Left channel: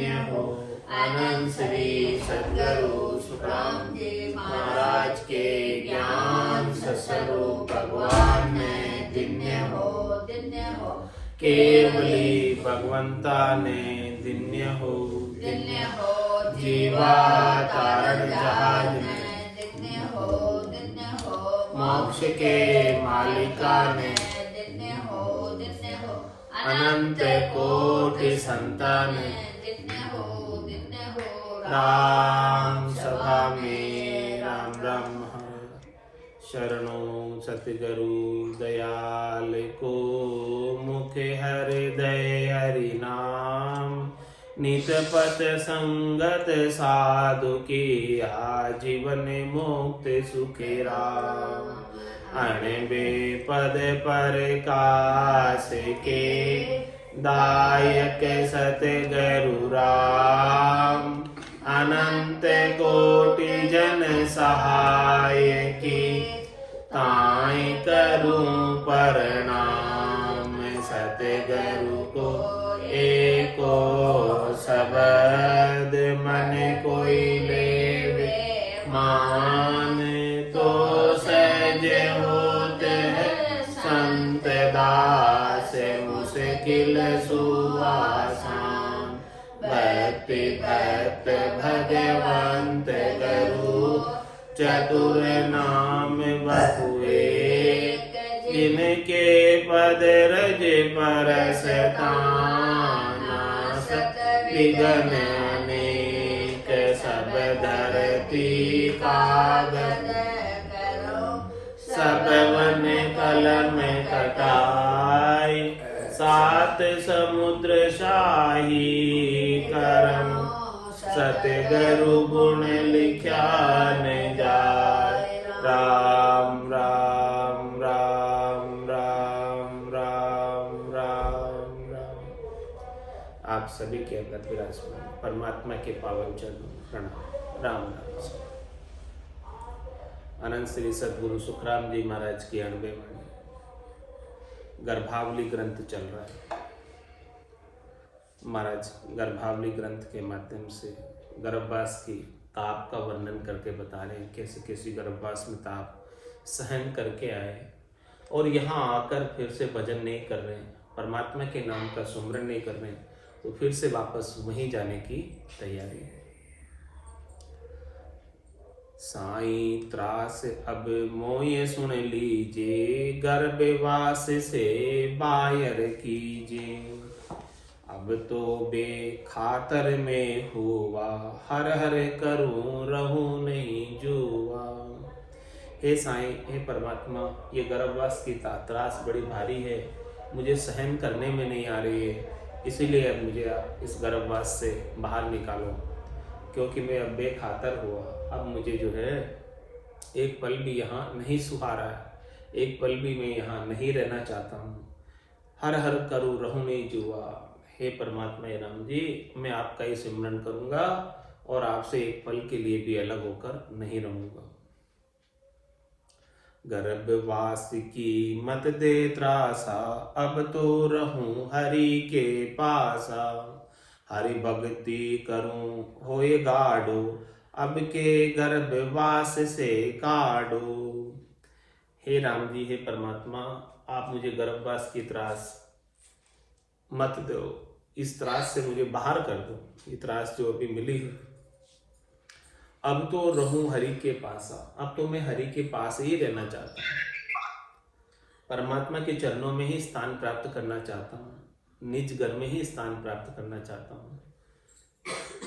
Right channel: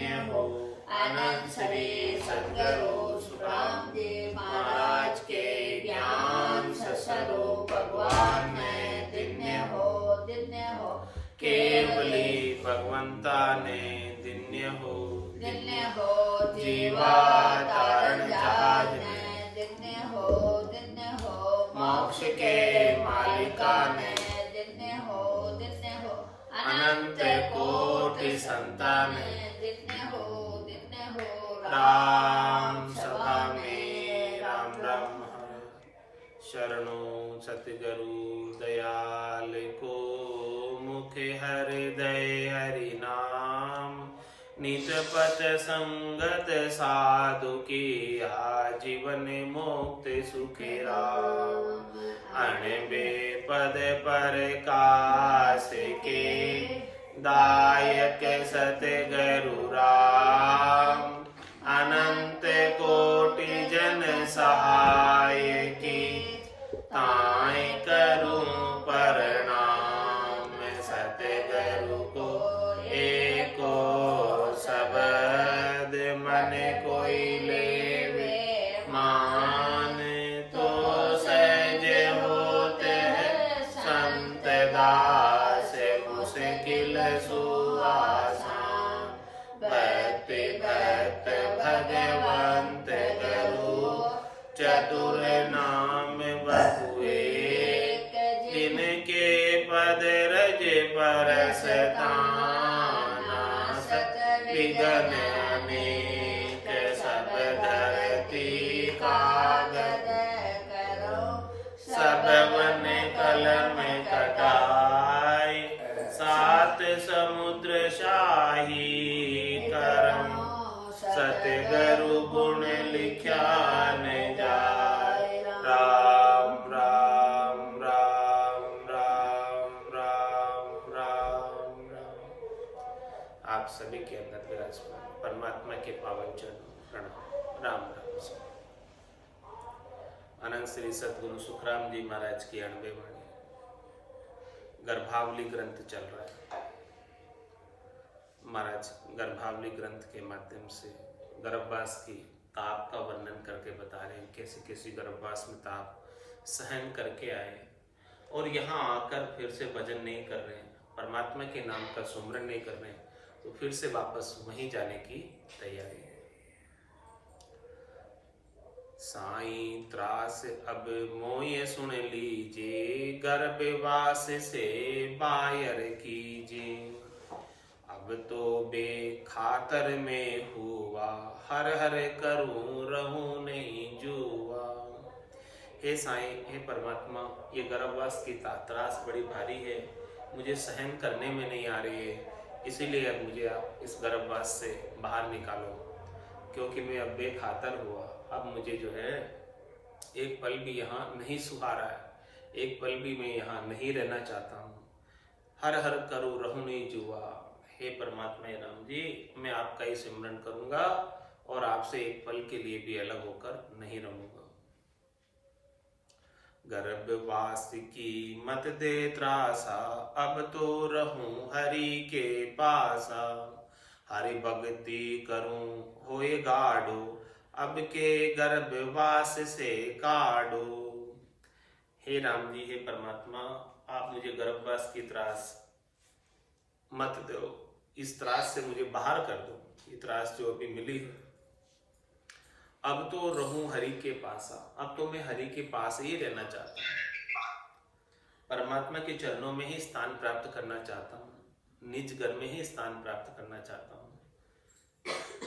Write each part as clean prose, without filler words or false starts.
धन्य हो। अनंत श्री सद्गुरु सुखराम जी महाराज के ज्ञान स्वरूप भगवान में धन्य हो। केवली भगवंता ने धन्य हो। जीवा तारण जहाज में मोक्ष के मालिका ने अनंत कोटि संतान राम सभा में राम राम हर शरणों सतगुरु दयाल को मुख हृदय हरि नाम नित पथ संगत साधु की आजीवन मुक्त सुखे राम अण बेपद पर कास के दायक सतगुरु राम अनंत कोटि जन सहाय की ताई करूं प्रणाम सतगुरु को एको शब्द मन कोई लेवे मान तो सहज होते संत दास मुश्किल सुआसान भक्ति भक्त भगवंत गुरु चतुर नाम बहुए जिनके पद रज परस विघ्न अनेक सब धरती कागज सब वन कलम कटाई सात समुद्र शाही करम सतगुरु गुण लिख्या न जाय राम राम राम राम राम राम राम। आप सभी के अंदर विराजमान परमात्मा के पावन चरणों प्रणाम राम राम। अनंत श्री सद्गुरु सुखराम जी महाराज की 90 वाणी गर्भावली ग्रंथ चल रहा है। महाराज गर्भावली ग्रंथ के माध्यम से गर्भवास की ताप का वर्णन करके बता रहे हैं, कैसे कैसे गर्भवास में ताप सहन करके आए और यहाँ आकर फिर से भजन नहीं कर रहे हैं, परमात्मा के नाम का सुमरन नहीं कर रहे हैं, तो फिर से वापस वहीं जाने की तैयारी है। साईं त्रास अब मोये सुन लीजिए, गर्भवास से बाहर कीजिए, अब तो बेखातर में हुआ, हर हर करूं रहूं नहीं जुआ। हे साईं, हे परमात्मा, ये गर्भवास की त्रास बड़ी भारी है, मुझे सहन करने में नहीं आ रही है, इसीलिए अब मुझे आप इस गर्भवास से बाहर निकालो, क्योंकि मैं अब बेखातर हुआ। अब मुझे जो है एक पल भी यहाँ नहीं सुहा रहा है, एक पल भी मैं यहाँ नहीं रहना चाहता हूँ, हर हर करूँ रहूं नहीं जुआ। हे परमात्मा हे राम जी, मैं आपका ही सिमरन करूँगा और आपसे एक पल के लिए भी अलग होकर नहीं रहूँगा। गर्भवास की मत दे त्रासा, अब तो रहूं हरि के पासा, हरि भक्ति करूं होए गाढ़ो, अब के गर्भवास से काढ़ो। हे राम जी, हे परमात्मा, आप मुझे गर्भवास की त्रास मत दो, इस त्रास से मुझे बाहर कर दो, ये त्रास जो अभी मिली है। अब तो रहूं हरि के पासा, अब तो मैं हरि के पास ही रहना चाहता हूँ, परमात्मा के चरणों में ही स्थान प्राप्त करना चाहता हूँ, निज घर में ही स्थान प्राप्त करना चाहता हूँ।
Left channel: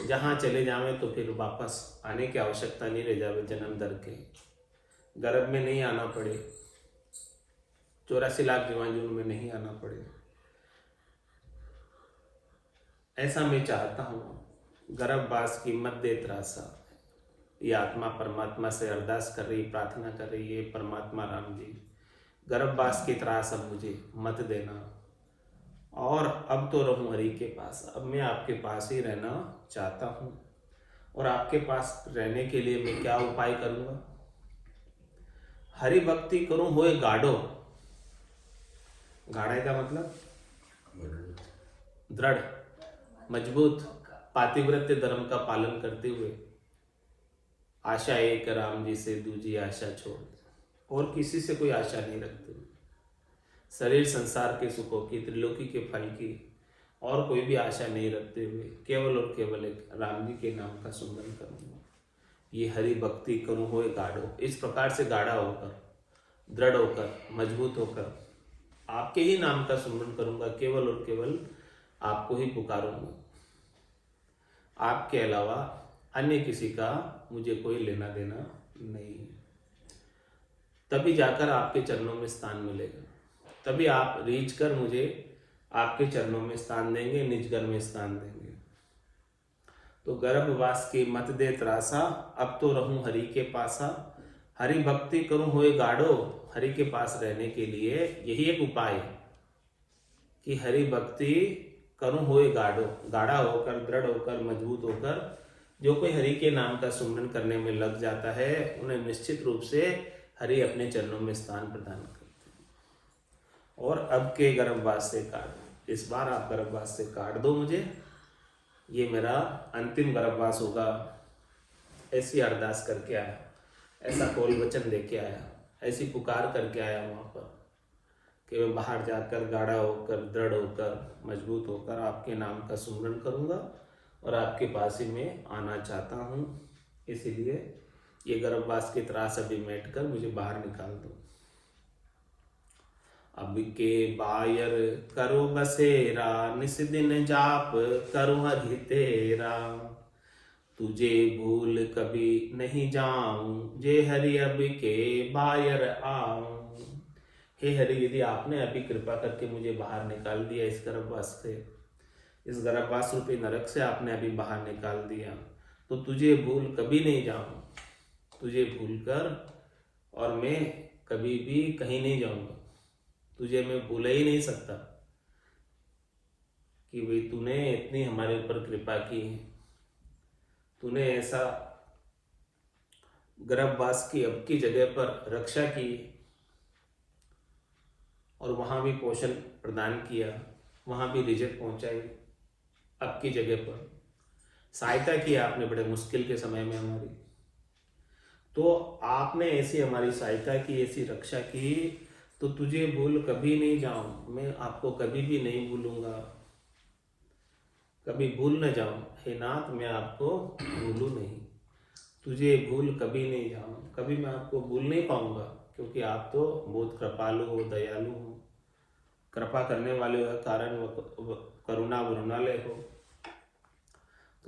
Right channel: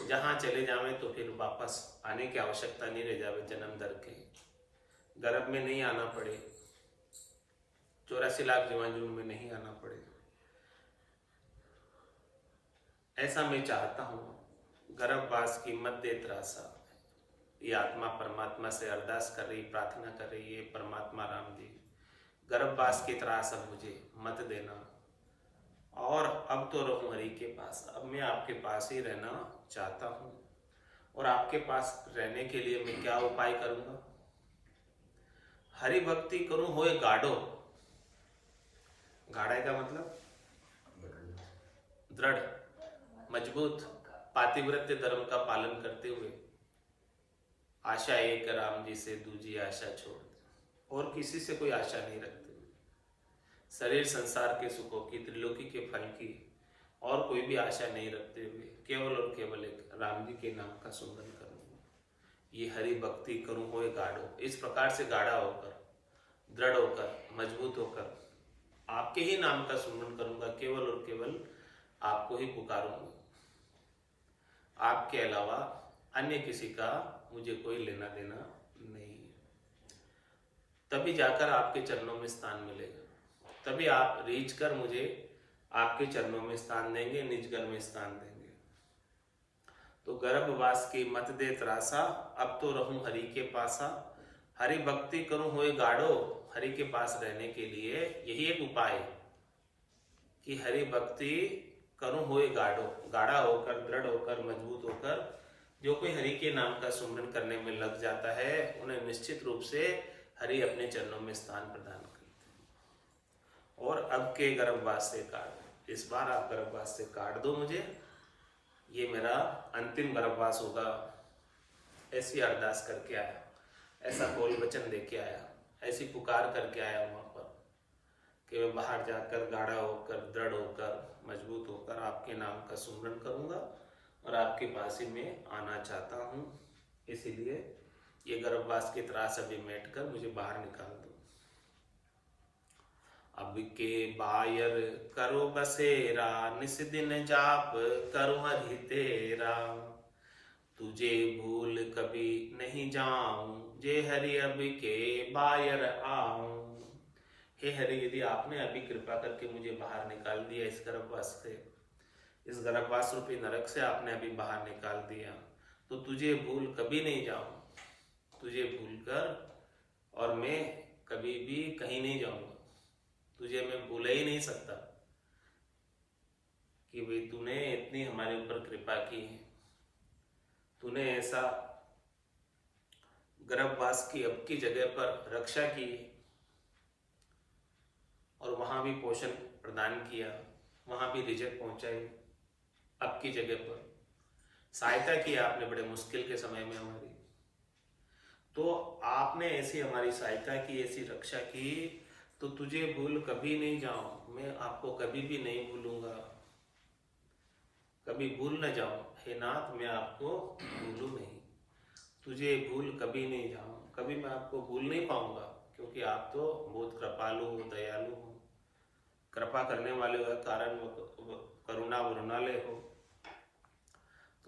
जहाँ चले जावें तो फिर वापस आने की आवश्यकता नहीं रह जावे, जन्म दर के गर्भ में नहीं आना पड़े, 84 लाख जीवाणु में नहीं आना पड़े, ऐसा मैं चाहता हूँ। गर्भवास की मत दे त्रासा, ये आत्मा परमात्मा से अरदास कर रही, प्रार्थना कर रही है, परमात्मा राम जी, गर्भवास की त्रास अब मुझे मत देना, और अब तो रहूं हरि के पास, अब मैं आपके पास ही रहना चाहता हूँ। और आपके पास रहने के लिए मैं क्या उपाय करूँगा? हरि भक्ति करूं होए गाढ़ो, गाढ़े का मतलब दृढ़, मजबूत, पातिव्रत्य धर्म का पालन करते हुए आशा एक राम जी से दूजी आशा छोड़ दे, और किसी से कोई आशा नहीं रखते हुए, शरीर संसार के सुखों की, त्रिलोकी के फल की और कोई भी आशा नहीं रखते हुए केवल और केवल एक राम जी के नाम का सुमरन करूंगा। ये हरि भक्ति करूं होए गाढ़ो, इस प्रकार से गाढ़ा होकर, दृढ़ होकर, मजबूत होकर आपके ही नाम का सुमरन करूंगा, केवल और केवल आपको ही पुकारूंगा। आपके अलावा अन्य किसी का मुझे कोई लेना देना नहीं है। तभी जाकर आपके चरणों में स्थान मिलेगा, तभी आप रीझ कर मुझे आपके चरणों में स्थान देंगे, निज घर में स्थान देंगे। तो गर्भवास की मत दे त्रासा, अब तो रहूं हरि के पासा। हरि भक्ति करूं होए गाढ़ो, हरि के पास रहने के लिए यही एक उपाय है कि हरि भक्ति करूं होए गाढ़ो, गाढ़ा होकर, दृढ़ होकर, मजबूत होकर जो कोई हरि के नाम का सुमरन करने में लग जाता है, उन्हें निश्चित रूप से हरि अपने चरणों में स्थान प्रदान करते हैं। और अब के गर्भवास से काट दो, इस बार आप गर्भवास से काट दो मुझे, ये मेरा अंतिम गर्भवास होगा। ऐसी अरदास करके आया, ऐसा कौल वचन देके आया, ऐसी पुकार करके आया वहां पर कि मैं बाहर जाकर गाढ़ा होकर, दृढ़ होकर, मजबूत होकर आपके नाम का सुमरन करूंगा और आपके पास ही मैं आना चाहता हूं। इसीलिए ये गर्भवास की त्रास अभी मेट कर मुझे बाहर निकाल दो। अब के बायर करो बसेरा, निस दिन जाप करो हरि तेरा। तुझे भूल कभी नहीं जाऊं, जे हरि अब के बायर आऊं। हे हरि, यदि आपने अभी कृपा करके मुझे बाहर निकाल दिया इस गर्भवास से, इस गर्भवास रूपी नरक से आपने अभी बाहर निकाल दिया, तो तुझे भूल कभी नहीं जाऊं। तुझे भूल कर और मैं कभी भी कहीं नहीं जाऊंगा। तुझे मैं भूल ही नहीं सकता कि भाई तूने इतनी हमारे ऊपर कृपा की है, तूने ऐसा गर्भवास की अब की जगह पर रक्षा की और वहां भी पोषण प्रदान किया, वहां भी रिजल्ट पहुंचाई, अब की जगह पर सहायता की आपने बड़े मुश्किल के समय में हमारी। तो आपने ऐसी हमारी सहायता की, ऐसी रक्षा की, तो तुझे भूल कभी नहीं जाऊं, मैं आपको कभी भी नहीं भूलूंगा, कभी भूल न जाऊं। हे नाथ, मैं आपको भूलूं नहीं, तुझे भूल कभी नहीं जाऊं, कभी मैं आपको भूल नहीं पाऊंगा, क्योंकि आप तो बहुत कृपालु हो, दयालु हो, कृपा करने वाले हो, कारण करुणा वरुणालय हो।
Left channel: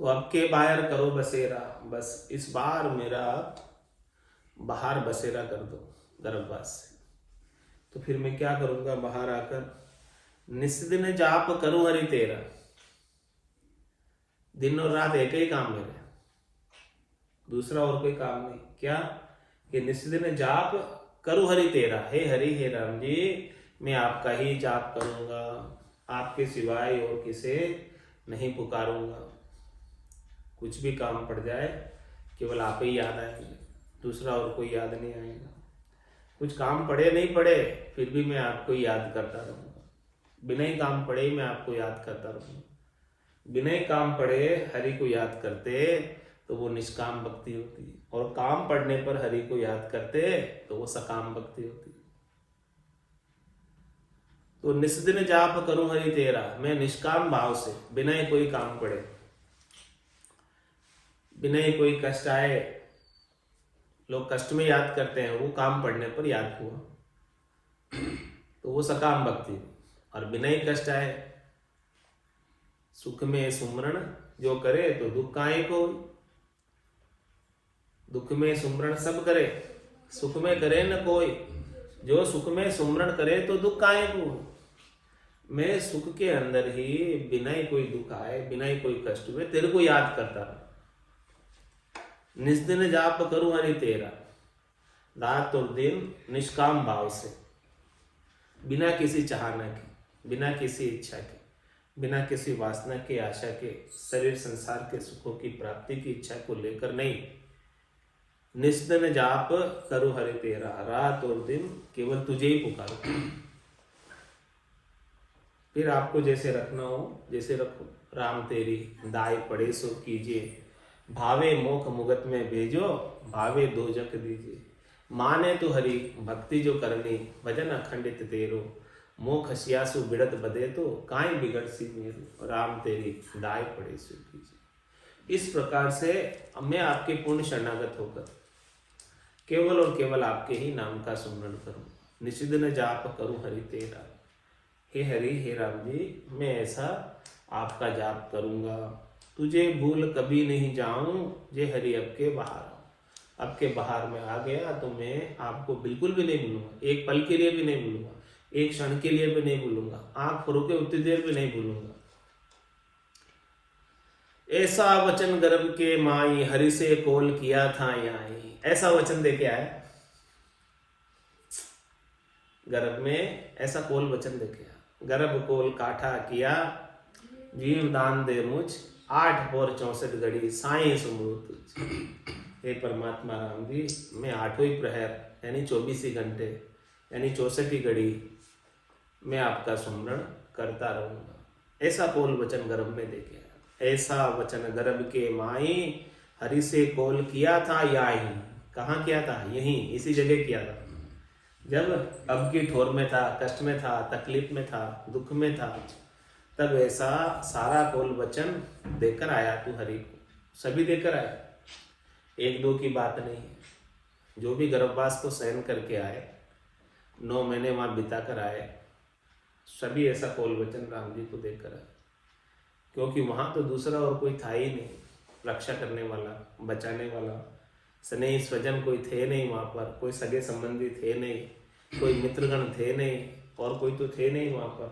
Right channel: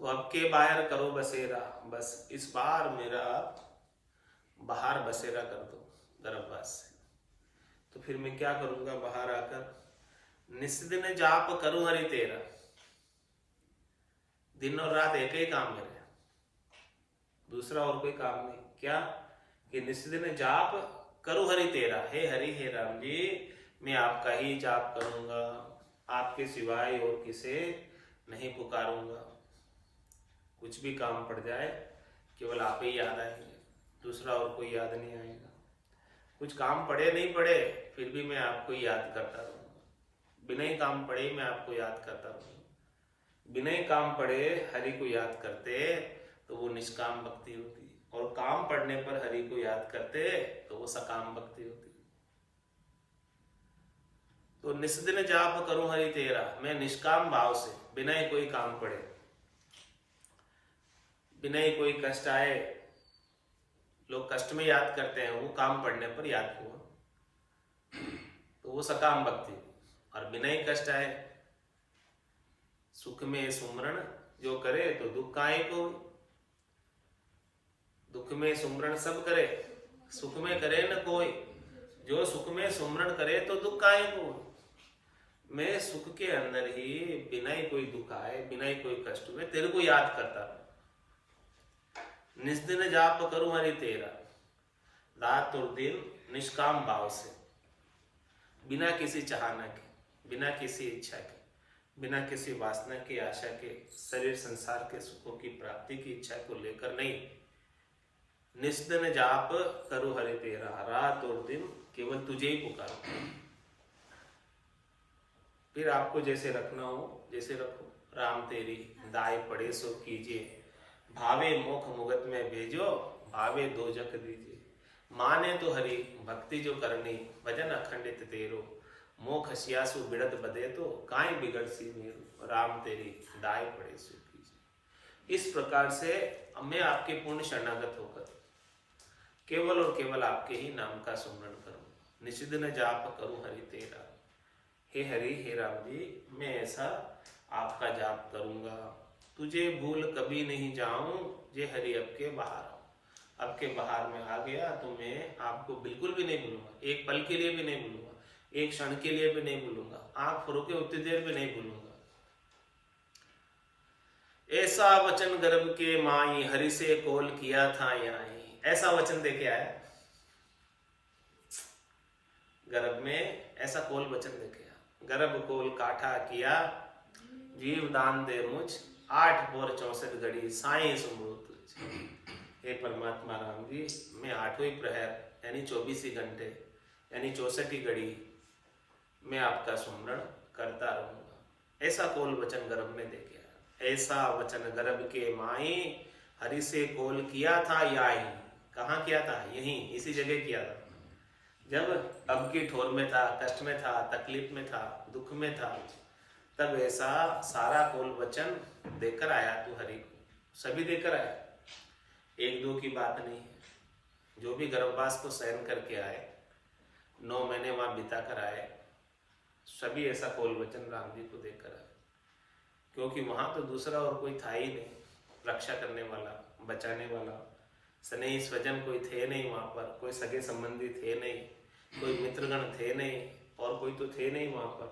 तो अब के बाहर करो बसेरा, बस इस बार मेरा बाहर बसेरा कर दो गर्भवास से। तो फिर मैं क्या करूंगा, बाहर आकर निस्दिन जाप करूं हरि तेरा। दिन और रात एक ही काम मेरे, दूसरा और कोई काम नहीं। क्या कि निस्दिन जाप करूं हरि तेरा। हे हरि, हे राम जी, मैं आपका ही जाप करूंगा, आपके सिवाय और किसे नहीं पुकारूंगा। कुछ भी काम पड़ जाए केवल आप ही याद आएंगे, दूसरा और कोई याद नहीं आएगा। कुछ काम पड़े नहीं पड़े फिर भी मैं आपको याद करता रहूंगा, बिना ही काम पड़े ही मैं आपको याद करता रहूंगा। बिना ही काम पड़े हरि को याद करते तो वो निष्काम भक्ति होती है, और काम पड़ने पर हरि को याद करते तो वो सकाम भक्ति होती है। तो निस्दिन जाप करूं हरि तेरा, मैं निष्काम भाव से, बिना ही कोई काम पड़े, बिना ही कोई कष्ट आए। लोग कष्ट में याद करते हैं, वो काम पड़ने पर याद हुआ तो वो सकाम भक्ति। और बिना ही कष्ट आए, सुख में सुमरण जो करे तो दुख काहे को। दुख में सुमरण सब करे, सुख में करे न कोई। जो सुख में सुमरण करे तो दुख काहे को। मैं सुख के अंदर ही बिना ही कोई दुख आए, बिना ही कोई कष्ट हुए, तेरे को याद करता हूं। निस्दिन जाप करूं हरि तेरा, रात और दिन निष्काम भाव से, बिना किसी चाहना के, बिना किसी इच्छा के, बिना किसी वासना की, आशा के, शरीर संसार के सुखों की प्राप्ति की इच्छा को लेकर नहीं। निस्दिन जाप करूं हरि तेरा, रात और दिन केवल तुझे ही पुकारूं। फिर आपको जैसे रखना हो जैसे रखो। राम तेरी दाय पड़े सो कीजिए, भावे मोख मुगत में भेजो, भावे दो जख दीजिए। माने तो हरि भक्ति जो करनी, भजन अखंडित तेरो, मोख हसियासु बिड़त बदे तो, काई बिगड़ सी मेरो, राम तेरी दाय पड़े सो कीजिए। इस प्रकार से मैं आपके पूर्ण शरणागत होकर केवल और केवल आपके ही नाम का सुमरण करूं, निषिद्ध जाप करूं हरि तेरा। हे हरि हे राम जी, मैं ऐसा आपका जाप करूंगा, तुझे भूल कभी नहीं जाऊं, जे हरि अब के बाहर आऊं। अब के बाहर में आ गया तो मैं आपको बिल्कुल भी नहीं भूलूंगा, एक पल के लिए भी नहीं भूलूंगा, एक क्षण के लिए भी नहीं भूलूंगा, आंख फरोके उतनी देर भी नहीं भूलूंगा। ऐसा वचन गर्भ के माई, हरि से कोल किया था आई। ऐसा वचन देके आया गर्भ में, ऐसा कोल वचन देके आया। गर्भ कोल काठा किया, जीव दान दे मुझ, 8 पौर 64 घड़ी साई सुमरू तुझ। हे परमात्मा राम जी, मैं 8वें प्रहर यानी 24 ही घंटे यानी 64 ही घड़ी मैं आपका सुमरण करता रहूंगा। ऐसा कोल वचन गर्भ में देके आया। ऐसा वचन गर्भ के माई, हरि से कोल किया था याही। कहाँ किया था? यहीं इसी जगह किया था, जब अब की ठोर में था, कष्ट में था, तकलीफ में था, दुख में था, तब ऐसा सारा कोल वचन देकर आया तू हरि को। सभी देकर आया, एक दो की बात नहीं है। जो भी गर्भवास को सहन करके आए, 9 महीने वहां बिता कर आए, सभी ऐसा कोल वचन राम जी को देकर आए। क्योंकि वहां तो दूसरा और कोई था ही नहीं, रक्षा करने वाला, बचाने वाला, स्नेही स्वजन कोई थे नहीं वहां पर, कोई सगे संबंधी थे नहीं, कोई मित्रगण थे नहीं, और कोई तो थे नहीं वहां पर।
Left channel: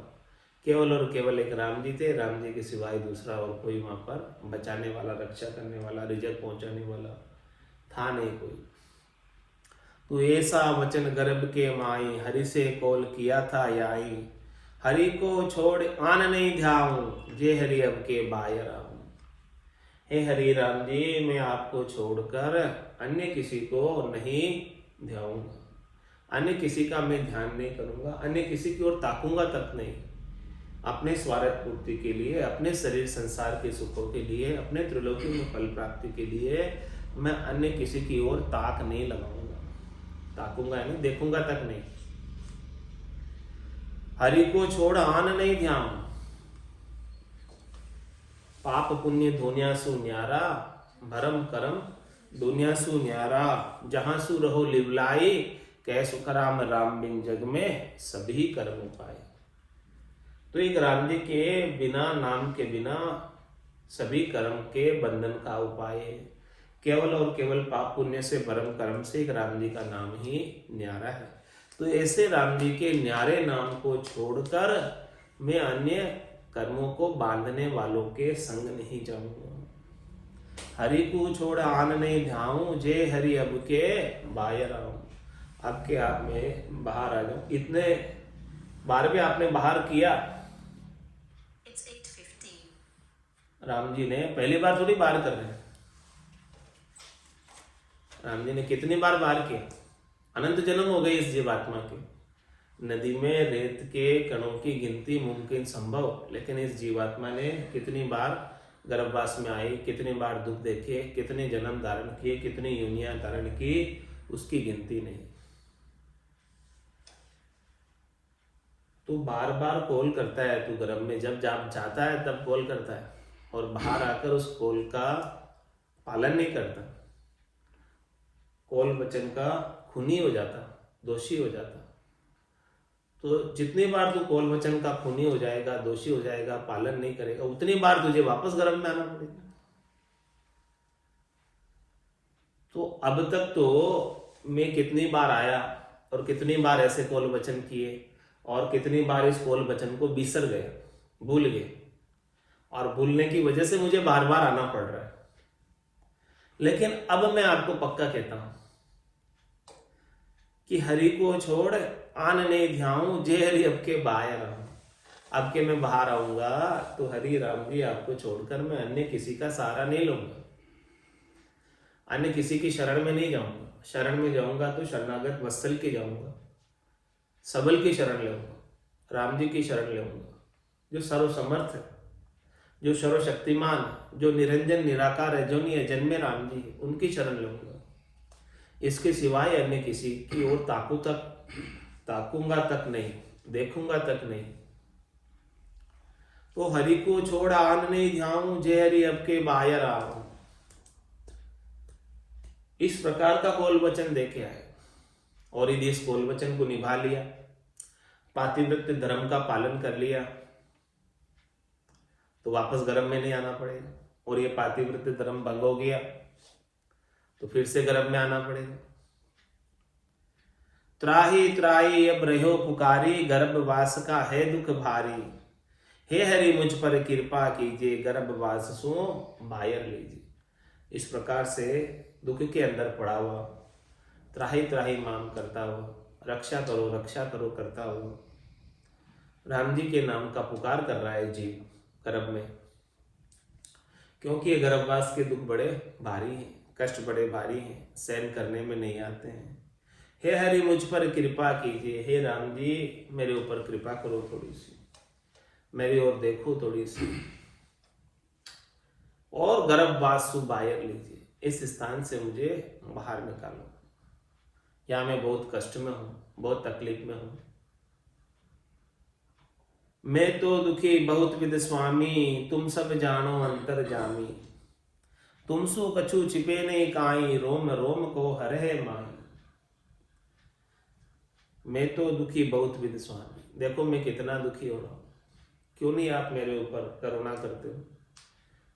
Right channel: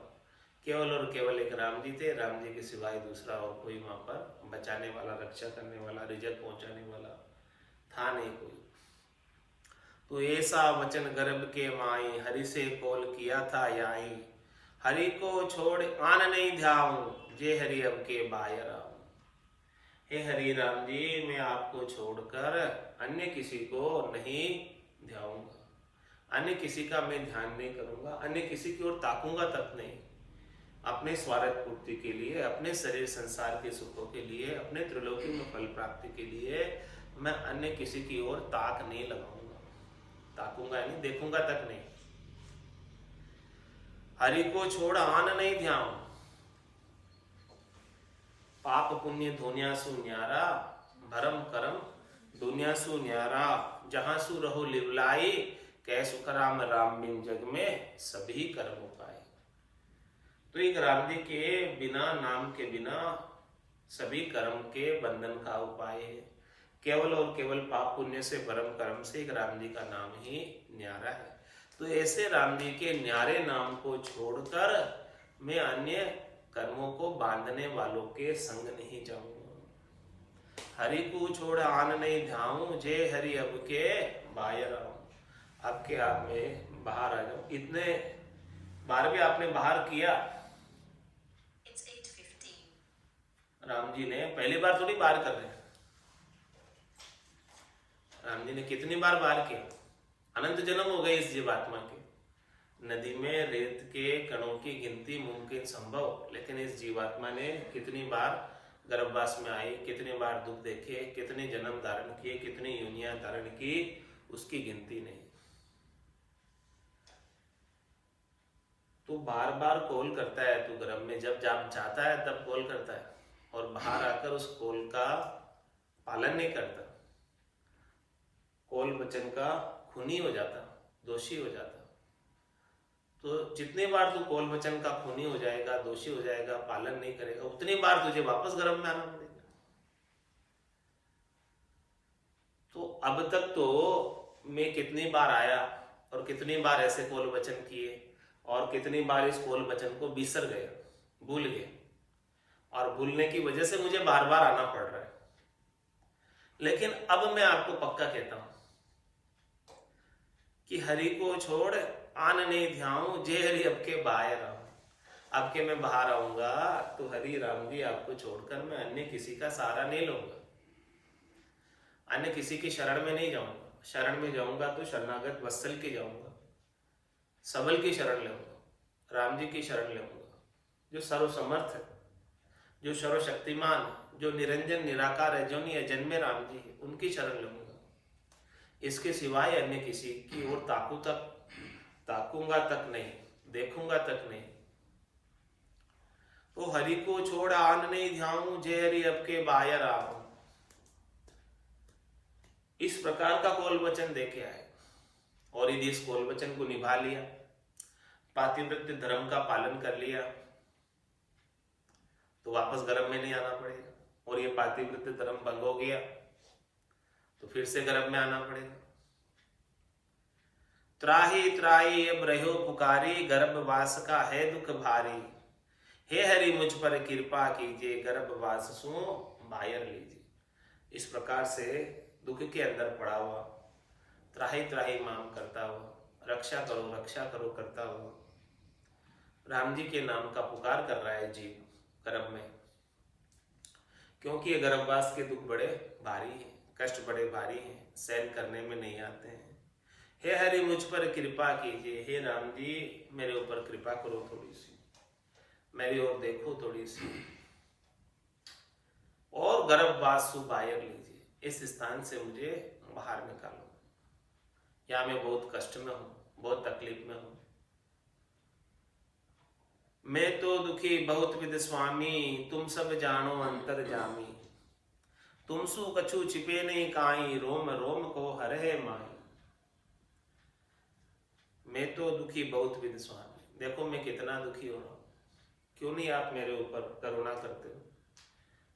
केवल और केवल एक राम जी थे। राम जी के सिवाय दूसरा और कोई वहां पर बचाने वाला, रक्षा करने वाला, रिजक पहुंचाने वाला था नहीं कोई। तो ऐसा वचन गर्भ के माई, हरि से कोल किया था याई। हरि को छोड़ आन नहीं ध्याऊं, जे हरि अब के बायर आऊं। हे हरि राम जी, मैं आपको छोड़कर अन्य किसी को नहीं ध्याऊंगा, अन्य किसी का मैं ध्यान नहीं करूंगा, अन्य किसी की ओर ताकूंगा तक नहीं। अपने स्वार्थ पूर्ति के लिए, अपने शरीर संसार के सुखों के लिए, अपने त्रिलोकी में फल प्राप्ति के लिए मैं अन्य किसी की ओर ताक नहीं लगाऊंगा। ताकूंगा यानी देखूंगा तक नहीं। हरि को छोड़ आन नहीं ध्यान, पाप पुण्य दुनिया सु न्यारा, भरम करम दुनिया सु न्यारा। जहां सु रहो लिवलाई, कै सुख राम राम बिन जग में सभी कर्म उपाय। तो एक राम जी के बिना, नाम के बिना सभी कर्म के बंधन का उपाय है। केवल और केवल पाप पुण्य से, भरम कर्म से एक राम जी का नाम ही न्यारा है। तो ऐसे राम जी के न्यारे नाम को छोड़कर मैं अन्य कर्मों को बांधने वालों के संग नहीं जाऊंगा। हरि को छोड़ आन नहीं ध्याऊं, जे हरि अब के बाहर आऊं। अब के आप में बाहर आ जाऊं। इतने बार भी आपने बाहर किया, राम जी ने पहली बार थोड़ी बाहर कर रहे हैं। राम जी ने कितनी बार बाहर किया? अनंत जन्म हो गए इस जीवात्मा के। नदी में रेत के कणों की गिनती मुमकिन संभव, लेकिन इस जीवात्मा ने कितनी बार गर्भवास में आई, कितनी बार दुख देखे, कितने जन्म धारण किए, कितनी योनियां धारण की, उसकी गिनती नहीं। तो बार बार कॉल करता है तू गर्भ में, जब जाता है तब कॉल करता है, और बाहर आकर उस कॉल का पालन नहीं करता, कॉल वचन का खूनी हो जाता, दोषी हो जाता। तो जितनी बार तू कॉल वचन का खूनी हो जाएगा, दोषी हो जाएगा, पालन नहीं करेगा, उतनी बार तुझे वापस गर्भ में आना पड़ेगा। तो अब तक तो मैं कितनी बार आया और कितनी बार ऐसे कॉल वचन किए, और कितनी बार इस कॉल वचन को बिसर गया, भूल गया, और भूलने की वजह से मुझे बार बार आना पड़ रहा है। लेकिन अब मैं आपको पक्का कहता हूं कि हरि को छोड़ आन नहीं ध्याऊं, जे हरि अब के बाहर आऊं। अब के मैं बाहर आऊंगा तो हरि राम जी आपको छोड़कर मैं अन्य किसी का सहारा नहीं लूंगा, अन्य किसी की शरण में नहीं जाऊंगा। शरण में जाऊंगा तो शरणागत वत्सल की जाऊंगा, सबल की शरण लूंगा, राम जी की शरण लूंगा। जो सर्वसमर्थ है, जो सर्वशक्तिमान, जो निरंजन निराकार है, जो नहीं है जन्मे राम जी है, उनकी शरण लूंगा। इसके सिवाय अन्य किसी की ओर ताकूंगा तक नहीं, देखूंगा तक नहीं। तो हरि को छोड़ आन नहीं ध्याऊं, जे हरि अब के बायर आऊं। इस प्रकार का कौल वचन देके आए और यदि इस कौल वचन को निभा लिया, पातिव्रत्य धर्म का पालन कर लिया, तो वापस गर्भ में नहीं आना पड़ेगा। और ये पातिव्रत्य धर्म भंग हो गया तो फिर से गर्भ में आना पड़ेगा। त्राही त्राही अब रहो पुकारी, गर्भवास का है दुख भारी। हे हरि मुझ पर कृपा कीजिए, गर्भवास सो बायर लीजिए। इस प्रकार से दुख के अंदर पड़ा हुआ, त्राही त्राही मांग करता हुआ, रक्षा करो करता हुआ राम जी के नाम का पुकार कर रहा है जीव गर्भ में। क्योंकि ये गर्भवास के दुख बड़े भारी हैं, कष्ट बड़े भारी हैं, सहन करने में नहीं आते हैं। हे हरि मुझ पर कृपा कीजिए, हे राम जी मेरे ऊपर कृपा करो, थोड़ी सी मेरी ओर देखो थोड़ी सी, और गर्भवासु बायर लीजिए, इस स्थान से मुझे बाहर निकालो। यहाँ मैं बहुत कष्ट में हूं, बहुत तकलीफ में हूं। मैं तो दुखी बहुत विद स्वामी, तुम सब जानो अंतर जामी। तुम सु कछु छिपे नहीं काई, रोम रोम को हरे माई। मैं तो दुखी बहुत विद स्वामी, देखो मैं कितना दुखी हो रहा हूं। क्यों नहीं आप मेरे ऊपर करुणा करते हो?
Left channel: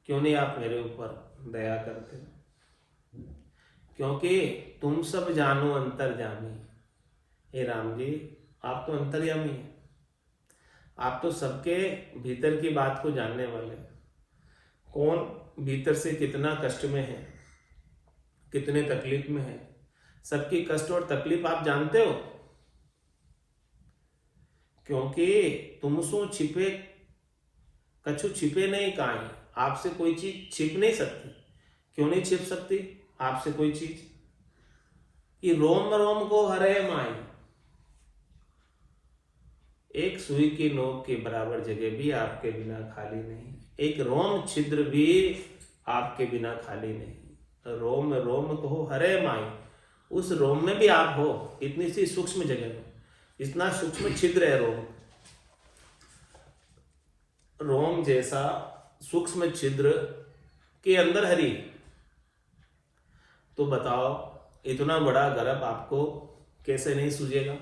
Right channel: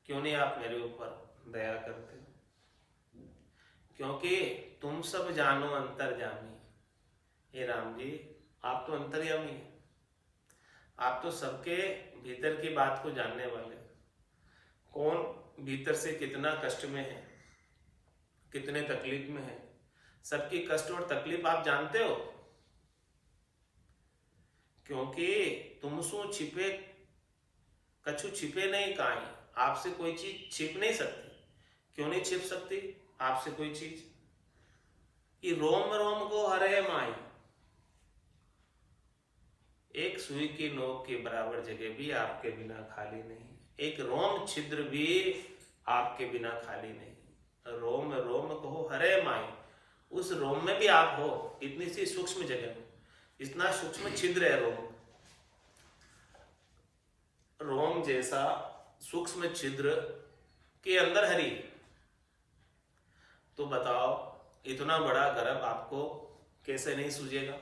क्यों नहीं आप मेरे ऊपर दया करते हो? क्योंकि तुम सब जानो अंतर्यामी। हे राम जी आप तो अंतर्यामी हैं, आप तो सबके भीतर की बात को जानने वाले हैं। कौन भीतर से कितना कष्ट में है, कितने तकलीफ में है, सबकी कष्ट और तकलीफ आप जानते हो। क्योंकि तुमसो छिपे कछु छिपे नहीं काई, आपसे कोई चीज छिप नहीं सकती। क्यों नहीं छिप सकती आपसे कोई चीज? ये रोम रोम को हरे माई। एक सुई की नोक के बराबर जगह भी आपके बिना खाली नहीं, एक रोम छिद्र भी आपके बिना खाली नहीं। रोम रोम को हरे माई, उस रोम में भी आप हो, इतनी सी सूक्ष्म जगह में, इतना सूक्ष्म छिद्र है रोम। रोम जैसा सूक्ष्म छिद्र के अंदर हरि। तो बताओ इतना बड़ा गर्भ आपको कैसे नहीं सूझेगा?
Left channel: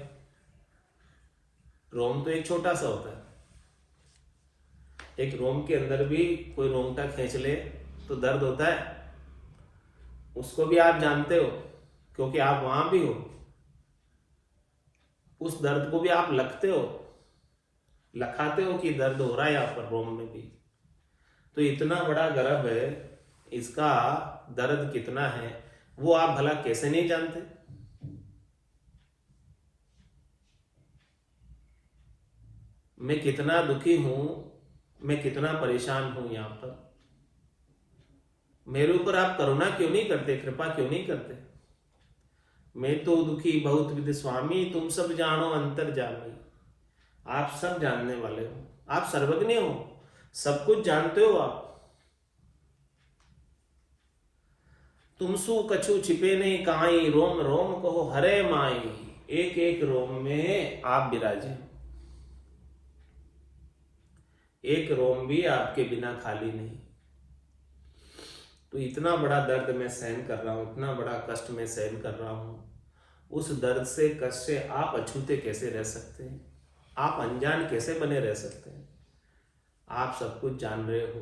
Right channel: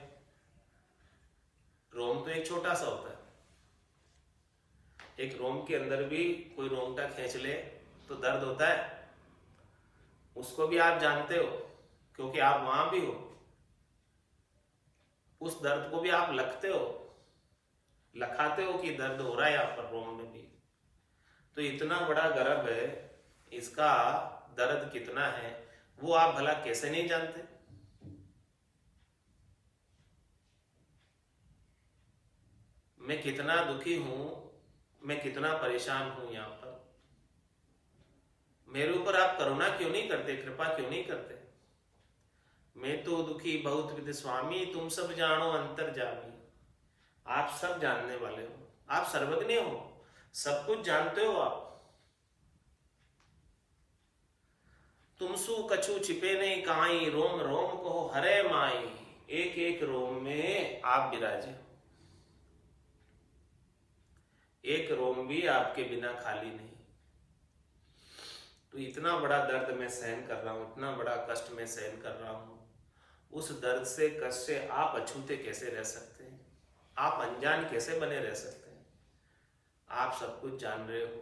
रोम तो एक छोटा सा होता है, एक रोम के अंदर भी कोई रोंगटा खींच ले तो दर्द होता है, उसको भी आप जानते हो क्योंकि आप वहां भी हो। उस दर्द को भी आप लखते हो, लखाते हो कि दर्द हो रहा है यहाँ पर रोम में भी। तो इतना बड़ा गर्भ है, इसका दर्द कितना है वो आप भला कैसे नहीं जानते? मैं कितना दुखी हूं, मैं कितना परेशान हूं यहाँ पर। मेरे ऊपर आप करुणा क्यों नहीं करते, कृपा क्यों नहीं करते? मैं तो दुखी बहुत विद स्वामी, तुम सब जानो अंतर जामी। आप सब जानने वाले हो, आप सर्वज्ञ हो, सब कुछ जानते हो आप। तुमसु कछु छिपे नहीं काई, रोम रोम को हरे माई। एक एक रोम में आप विराजे हो, एक रोम भी आपके बिना खाली नहीं। तो इतना बड़ा दर्द मैं सहन कर रहा हूं, इतना बड़ा कष्ट मैं सहन कर रहा हूं, उस दर्द से कष्ट से आप अछूते कैसे रह सकते हैं? आप अनजान कैसे बने रह सकते हैं? आप सब कुछ जान रहे हो।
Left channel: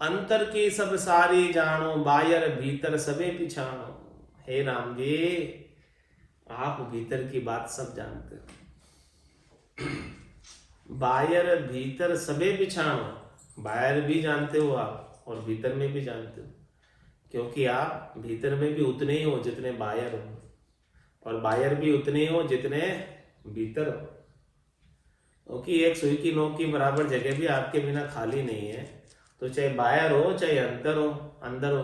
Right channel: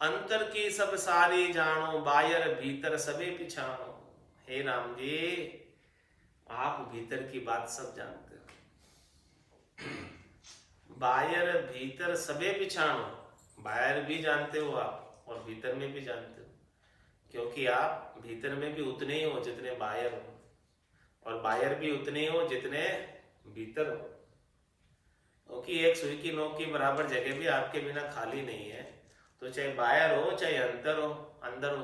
अंतर की सब सारी जानो, बायर भीतर सबे पिछानो। हे राम जी आप भीतर की बात सब जानते हो। बायर भीतर सबे पिछानो, बाहर भी जानते हो आप और भीतर में भी जानते हो, क्योंकि आप भीतर में भी उतने ही हो जितने बाहर हो, और बाहर भी उतने ही हो जितने भीतर हो। क्योंकि एक सुई की नोक की बराबर जगह भी आपके बिना खाली नहीं है। तो चाहे बाहर हो चाहे अंदर हो,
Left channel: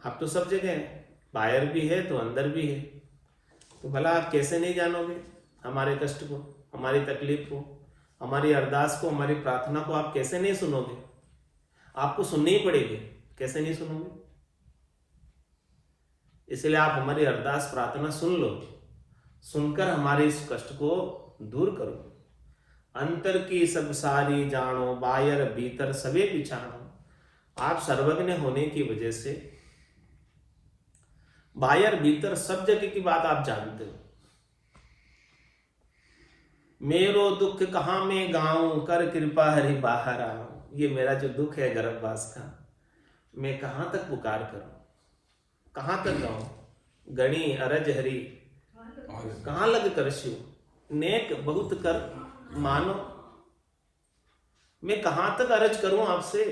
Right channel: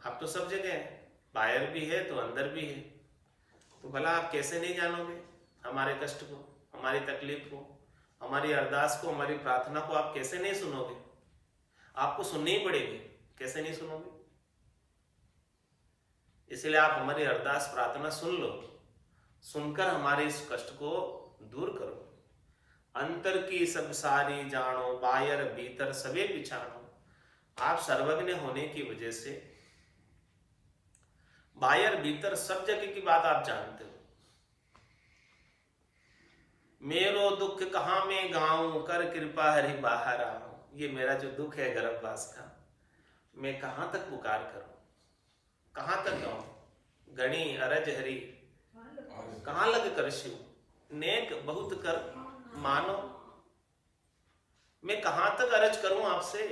आप तो सब जगह हैं, बाहर भी है तो अंदर भी है। तो भला आप कैसे नहीं जानोगे? हमारे कष्ट को, हमारी तकलीफ को, हमारी अरदास को, हमारी प्रार्थना को आप कैसे नहीं सुनोगे? आपको सुननी ही पड़ेगी, कैसे नहीं सुनोगे? इसलिए आप हमारी अरदास प्रार्थना सुन लो, सुनकर हमारे इस कष्ट को दूर करो। अंतर की सब सारी जानो, बाहर भीतर सबे पिछाणो। आप सर्वज्ञ होने की वजह से बाहर भीतर सब जगह की बात आप जानते हो। मेरो दुख कहाँ में गाऊं, कर कृपा हरि बाहर आओ। ये मेरा जो दुख है गर्भवास का, मैं कहां तक पुकार करूं, कहां तक गाऊं? गणी अरज हरि कहां लग करस्यु, नेक बहुत कर मानो। मैं कहां तक अरज करूं आपसे,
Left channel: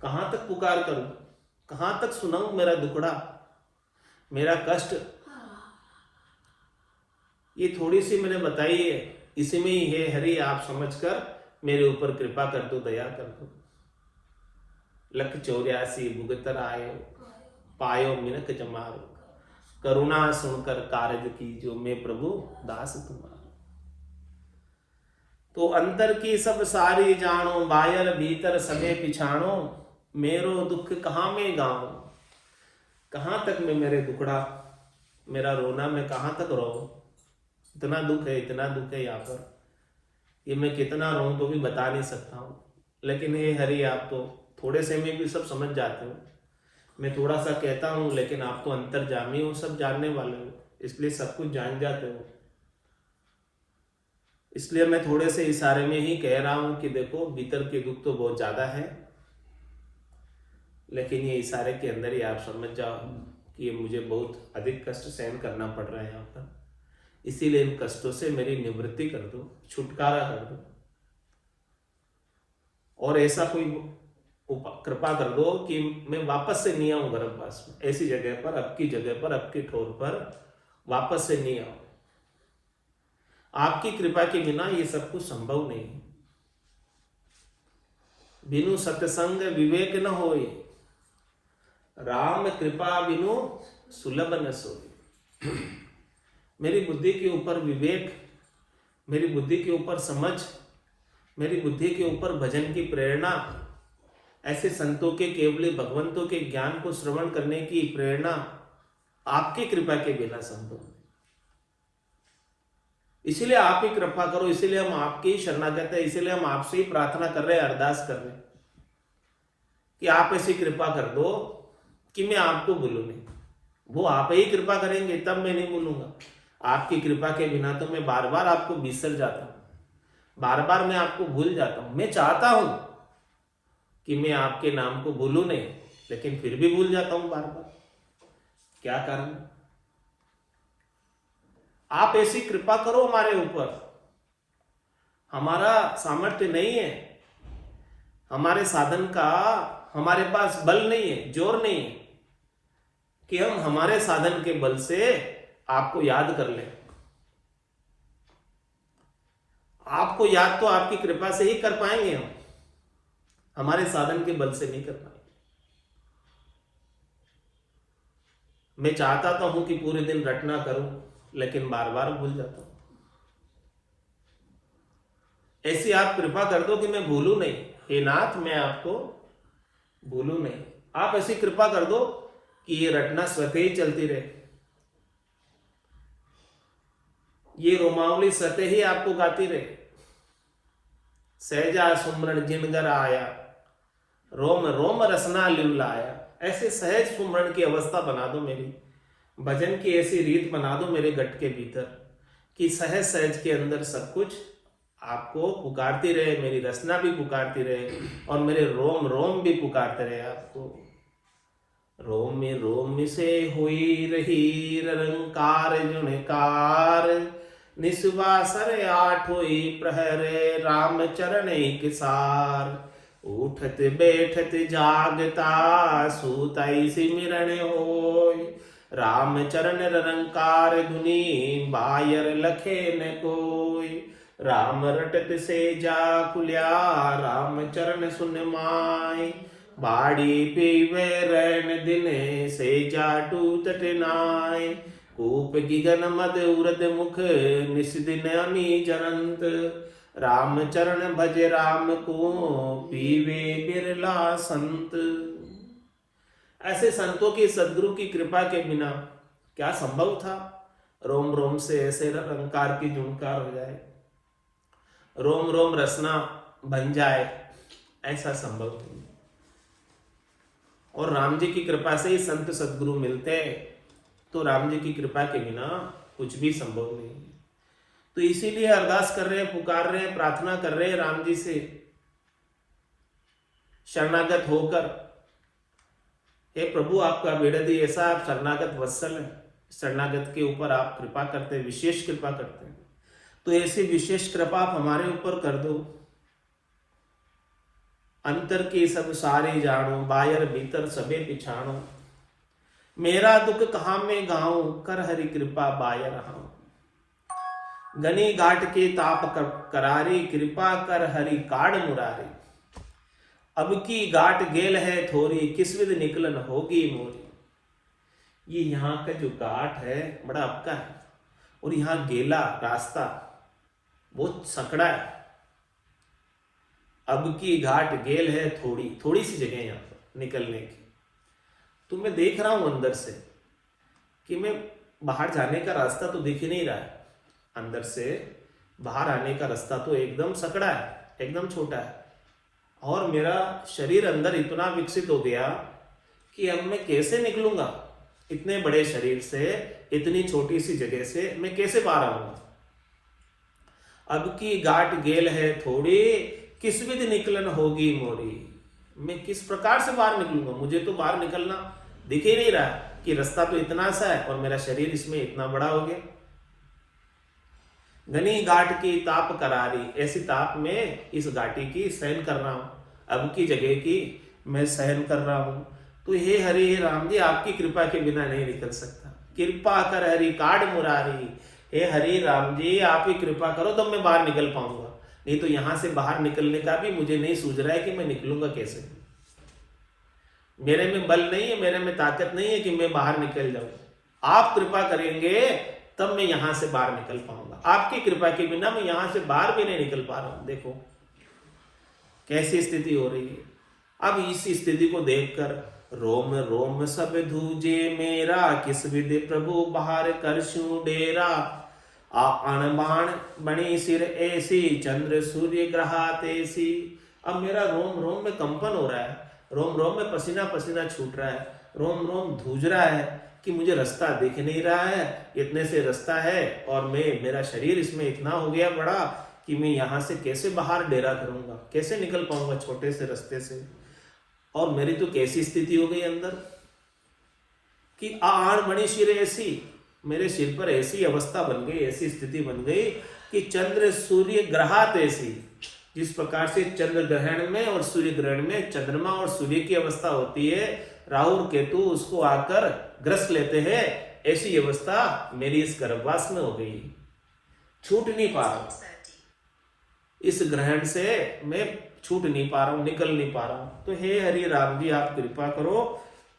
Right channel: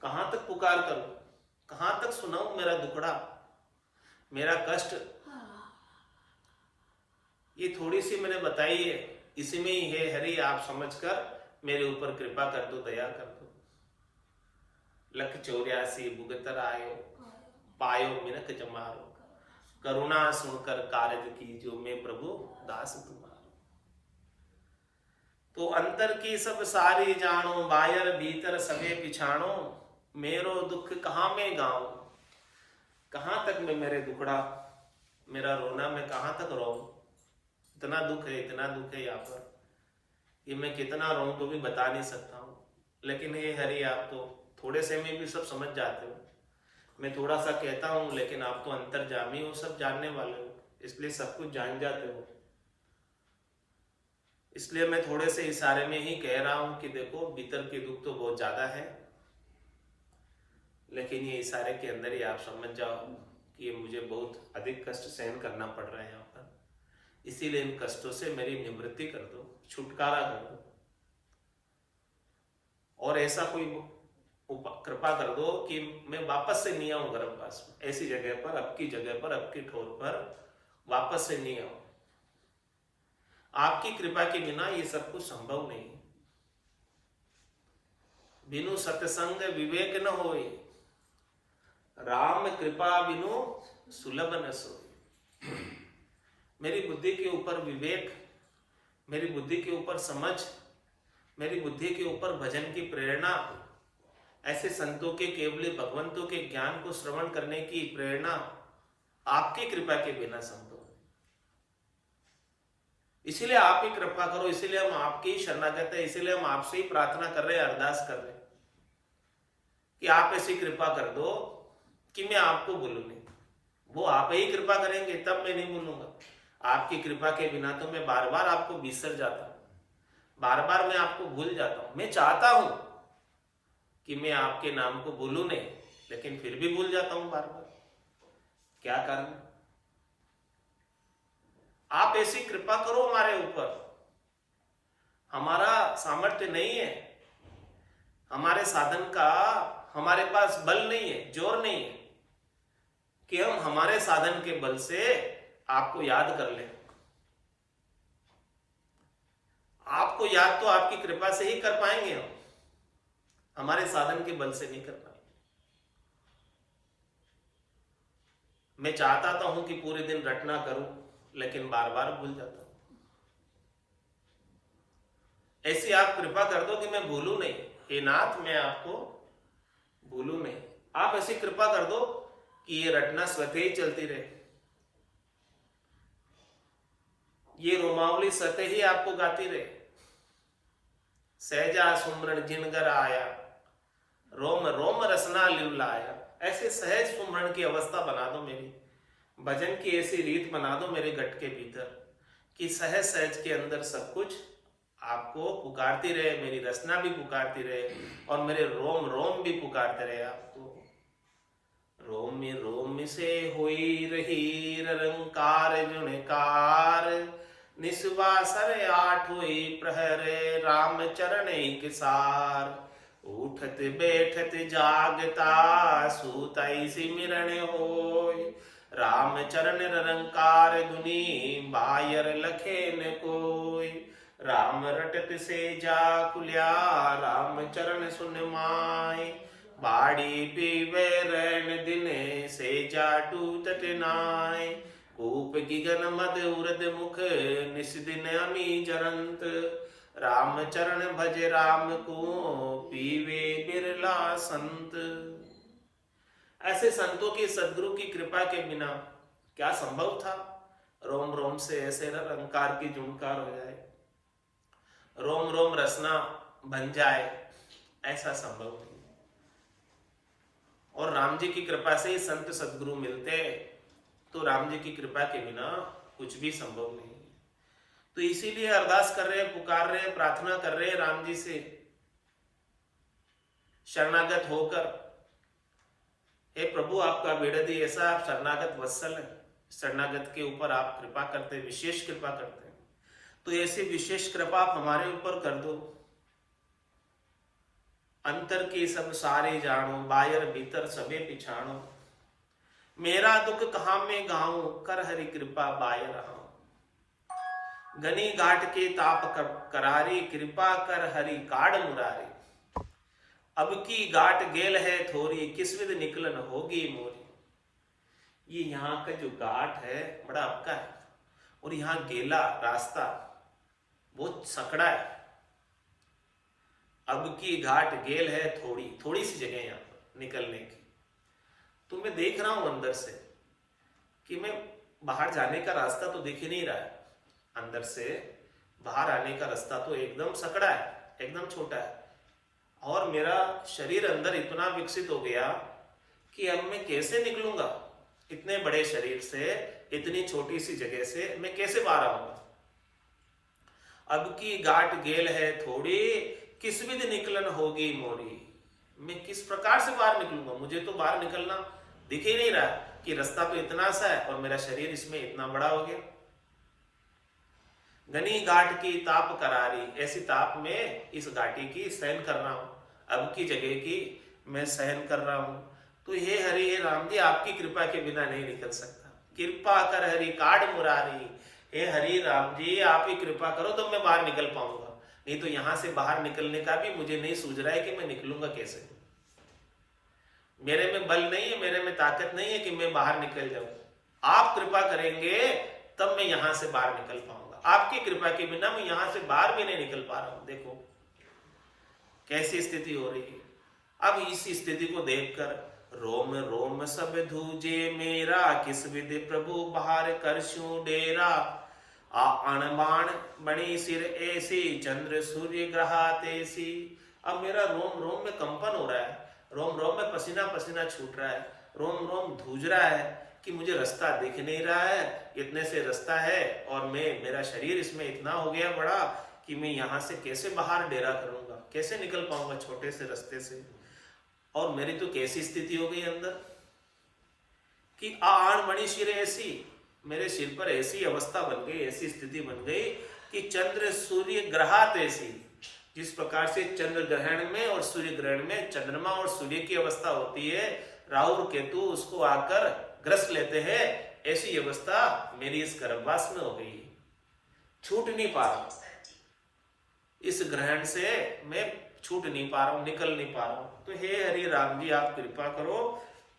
कहां तक पुकार करूं, कहां तक सुनाऊं मेरा दुखड़ा, मेरा कष्ट। ये थोड़ी सी मैंने बताई है, इसी में ही है हरि आप समझकर मेरे ऊपर कृपा कर दो, दया कर दो। लख 84 भुगतर आयो, पायो मिनक जमारो। करुणा सुनकर कारज की, जो मैं प्रभु दास तुम्हारो। तो अंतर की सब सारी जानो, बाहर भीतर सबे पिछाणो। मेरो दुख कहाँ में गाऊं, कहां तक मैं मेरे दुखड़ा, मेरा रोना मैं कहां तक रो। इतना दुख है, इतना दुख है यहाँ पर, ये मैं कितना रोऊं तो भी बता नहीं सकता हूं। लेकिन ये हरि आप तो थोड़े से में भी सब समझ जाते हो। मैं थोड़ा सा कहता हूं लेकिन आप तो अंतर्जामी हो, सब जानने वाले हो, इसलिए सब कुछ जान जाते हो। इसलिए मैं थोड़े से इशारे में ही कह रहा हूं कि देखो भीतर के दुख तो बहुत ज्यादा है, लेकिन ये इशारे के अंदर ही आप समझ जाओ कि ये मुझे बहुत अधिक कष्ट सहन करना पड़ रहा है यहाँ पर। इसीलिए इन कष्टों से मेरी निवृत्ति कर दो, छुटकारा कर दो, और ऐसा कोई कृपा कर दो कि मैं वापस से नहीं आऊं गर्भवास में, ऐसी जगह पर, अब की जगह पर, अब की ठोर पर वापस से नहीं आऊं। आपकी कृपा के बिना ये सब कुछ संभव नहीं है। बिनु सत्संग विवेक न होए, राम कृपा बिनु सुलभ न सोए। मेरी बुद्धि के ऊपर विवेक, मेरी बुद्धि के ऊपर समझ, मेरी बुद्धि के ऊपर भजन की प्रेरणा, ऐसे संतों के, केवल भगवंतों के ज्ञान को श्रवण करने की प्रेरणा आपकी कृपा के बिना संभव है। इसीलिए आप ही कृपा करो, इसीलिए हम आपकी ही शरणागत है, इसीलिए हम आपसे ही प्रार्थना कर रहे हैं, अरदास कर रहे हैं कि आप ऐसी कृपा कर दो कि मैं आपको भूलूं नहीं। वो आप ही कृपा करेंगे तब मैं नहीं भूलूंगा। आपकी कृपा के बिना तो मैं बार बार आपको बिसर जाता हूं, बार बार मैं आपको भूल जाता हूं। मैं चाहता हूं कि मैं आपके नाम को भूलूं नहीं, लेकिन फिर भी भूल जाता हूं बार बार। क्या कारण? आप ऐसी कृपा करो हमारे ऊपर। हमारा सामर्थ्य नहीं है, हमारे साधन का हमारे पास बल नहीं है, जोर नहीं है कि हम हमारे साधन के बल से आपको याद कर लें। आपको याद तो आपकी कृपा से ही कर पाएंगे हम, हमारे साधन के बल से नहीं कर पाएंगे। मैं चाहता तो हूं कि पूरे दिन रटना करूं, लेकिन बार बार भूल जाता हूं। ऐसी आप कृपा कर दो कि मैं भूलूं नहीं। हे नाथ, मैं आपको भूलूं नहीं। आप ऐसी कृपा कर दो कि ये रटना स्वतः ही चलती रहे, ये रोमावली स्वतः ही आपको गाती रहे। सहजा सुमरण जिनगर आया, रोम रोम रसना लिवलाया। ऐसे सहज सुमरण की अवस्था बना दो मेरी, भजन की ऐसी रीत बना दो मेरे गट के भीतर कि सहज सहज के अंदर सब कुछ आपको पुकारती रहे, मेरी रसना भी पुकारती रहे और मेरे रोम रोम भी पुकारते रहे आपको। रोम रोम से हुई रही रंकार जुणकार, निस्वासर आठ हुई प्रहरे राम चरण एक सार। उठत बैठत जागता सूताई सिमरण होय, राम चरण रंकार धुनी बायर लखे न कोय। राम रटत से जा खुल्या राम चरण सुन माय, बाड़ी पीवे रैन दिने से जा टूटत नाय। कूप गिगन मद उरद मुख निस दिन अमी जरंत। राम चरण भज राम को पीवे बिरला संत। ऐसे संतों की सदगुरु की कृपा के बिना क्या संभव था रोम रोम से ऐसे रंकार की झुनकार हो जाए, रोम रोम रसना बन जाए, ऐसा संभव नहीं। और राम जी की कृपा से ही संत सदगुरु मिलते, तो राम जी की कृपा के बिना कुछ भी संभव नहीं। तो इसीलिए अरदास कर रहे हैं, पुकार रहे हैं, प्रार्थना कर रहे हैं राम जी से शरणागत होकर, हे प्रभु आपका बेड़दी ऐसा, आप शरणागत वत्सल है, शरणागत के ऊपर आप कृपा करते हैं, विशेष कृपा करते हैं। तो ऐसी विशेष कृपा आप हमारे ऊपर कर दो। अंतर की सब सारे जानो, बायर भीतर सबे पिछाणो। मेरा दुख कहाँ में गाऊं, कर हरि कृपा बायर हाऊं। गनी घाट के ताप करारी, कृपा कर हरि काड़ मुरारी। अब की घाट गेल है थोरी, किस विध निकलन होगी मोरी। ये यहाँ का जो घाट है बड़ा अबका है, और यहाँ गेला रास्ता बहुत सकड़ा है। अब की घाट गेल है थोड़ी, थोड़ी सी जगह यहाँ पर निकलने की। तो मैं देख रहा हूं अंदर से कि मैं बाहर जाने का रास्ता तो दिख ही नहीं रहा है। अंदर से बाहर आने का रास्ता तो एकदम सकड़ा है, एकदम छोटा है। और मेरा शरीर अंदर इतना विकसित हो गया कि अब मैं कैसे निकलूंगा इतने बड़े शरीर से, इतनी छोटी सी जगह से मैं कैसे बाहर आऊंगा। अब की घाट गेल है थोड़ी, किस विध निकलन होगी मोरी। मैं किस प्रकार से बाहर निकलूंगा, मुझे तो बाहर निकलना दिख ही नहीं रहा कि रास्ता तो इतना सा है और मेरा शरीर इसमें इतना बड़ा हो गया। घनी घाट की ताप करारी, ऐसी ताप में इस घाटी की सहन कर रहा हूं, अब की जगह की मैं सहन कर रहा हूं। तो हे हरि हे राम जी, आपकी कृपा के बिना नहीं निकल सकता। कृपा कर हरि काड़ मुरारी। हे हरि राम जी, आप ही कृपा करो तब मैं बाहर निकल पाऊंगा, नहीं तो यहां से बाहर निकलने का भी मुझे नहीं सूझ रहा है कि मैं निकलूंगा कैसे। मेरे में बल नहीं है, मेरे में ताकत नहीं है कि मैं बाहर निकल जाऊं। आप कृपा करेंगे तब मैं यहां से बाहर निकल पाऊंगा। आपकी कृपा के बिना मैं यहां से बाहर भी नहीं निकल पा रहा हूं। देखो कैसी स्थिति हो रही है। अब इस स्थिति को देखकर रोम रोम सब धूजे मेरा, किस विधि प्रभु बाहर करशु डेरा। आण बाण बणी सिर ऐसी, चंद्र सूर्य ग्रहा तेसी। अब मेरा रोम रोम में कंपन हो रहा है, रोम रोम में पसीना पसीना छूट रहा है, रोम रोम धूज रहा है कि मुझे रास्ता दिख नहीं रहा है, इतने से रास्ता है और मेरा शरीर इसमें इतना हो गया बड़ा कि मैं यहां से कैसे बाहर डेरा करूंगा, कैसे निकल पाऊंगा छोटे से रास्ते से। और मेरी तो कैसी स्थिति हो गई अंदर कि आण मणि सिर ऐसी, मेरे सिर पर ऐसी अवस्था बन गई, ऐसी स्थिति बन गई कि चंद्र सूर्य ग्रहात ऐसी, जिस प्रकार से चंद्र ग्रहण में और सूर्य ग्रहण में चंद्रमा और सूर्य की अवस्था होती है, राहु और केतु उसको आकर ग्रस लेते हैं, ऐसी अवस्था मेरी इस गर्भवास में हो गई। छूट नहीं पा रहा हूं इस ग्रहण से, मैं छूट नहीं पा रहा हूं, निकल नहीं पा रहा हूं। तो हे हरि राम जी, आप कृपा करो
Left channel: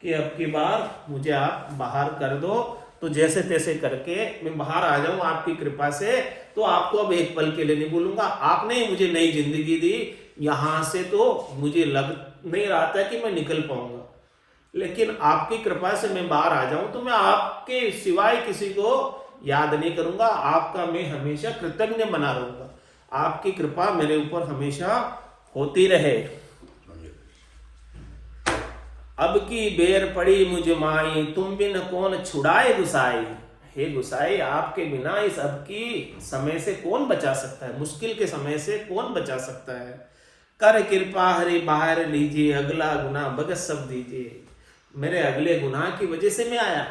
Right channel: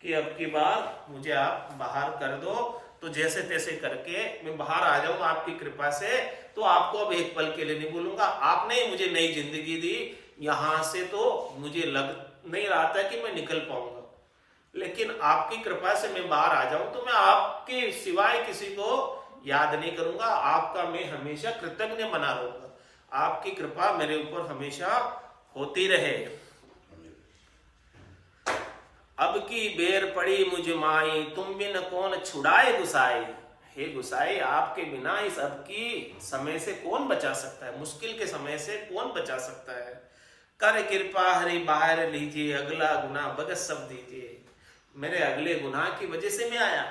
कि अब की बार मुझे आप बाहर कर दो। तो जैसे तैसे करके मैं बाहर आ जाऊं आपकी कृपा से। तो आपको अब एक पल के लिए नहीं बोलूंगा, आपने ही मुझे नई जिंदगी दी। यहां से तो मुझे लग नहीं रहा था कि मैं निकल पाऊंगा, लेकिन आपकी कृपा से मैं बाहर आ जाऊं तो मैं आपके सिवाय किसी को याद नहीं करूंगा, आपका मैं हमेशा कृतज्ञ बना रहूंगा। आपकी कृपा मेरे ऊपर हमेशा होती रहे। अब की बेर पड़ी मुझ माई, तुम बिन कौन छुड़ाए गुसाई। हे गुसाई, आपके बिना इस अब की समय से कौन बचा सकता है, मुश्किल के समय से कौन बचा सकता है। कर कृपा हरि बाहर लीजिए, अगला गुना भगत सब दीजिए। मेरे अगले गुनाह की वजह से मैं आया,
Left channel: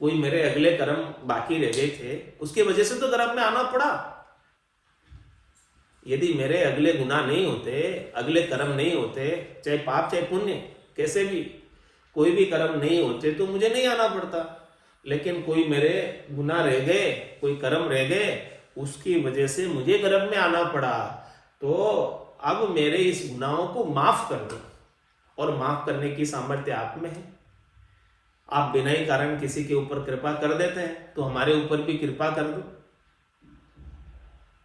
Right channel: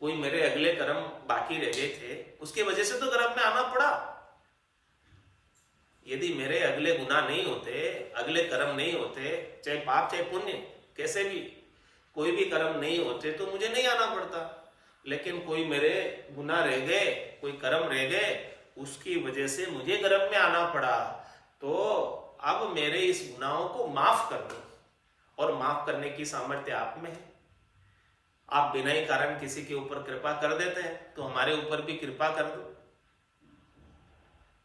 कोई मेरे अगले कर्म बाकी रह गए थे, उसके वजह से तो गर्भ में आना पड़ा। यदि मेरे अगले गुनाह नहीं होते, अगले कर्म नहीं होते, चाहे पाप चाहे पुण्य, कैसे भी कोई भी कर्म नहीं होते तो मुझे नहीं आना पड़ता। लेकिन कोई मेरे गुनाह रह गए, कोई कर्म रह गए, उसकी वजह से मुझे गर्भ में आना पड़ा। तो अब मेरे इस गुनाहों को माफ कर दो, और माफ करने की सामर्थ्य आप में है। आप बिना ही कारण किसी के ऊपर कृपा कर देते हैं, तो हमारे ऊपर भी कृपा कर दो।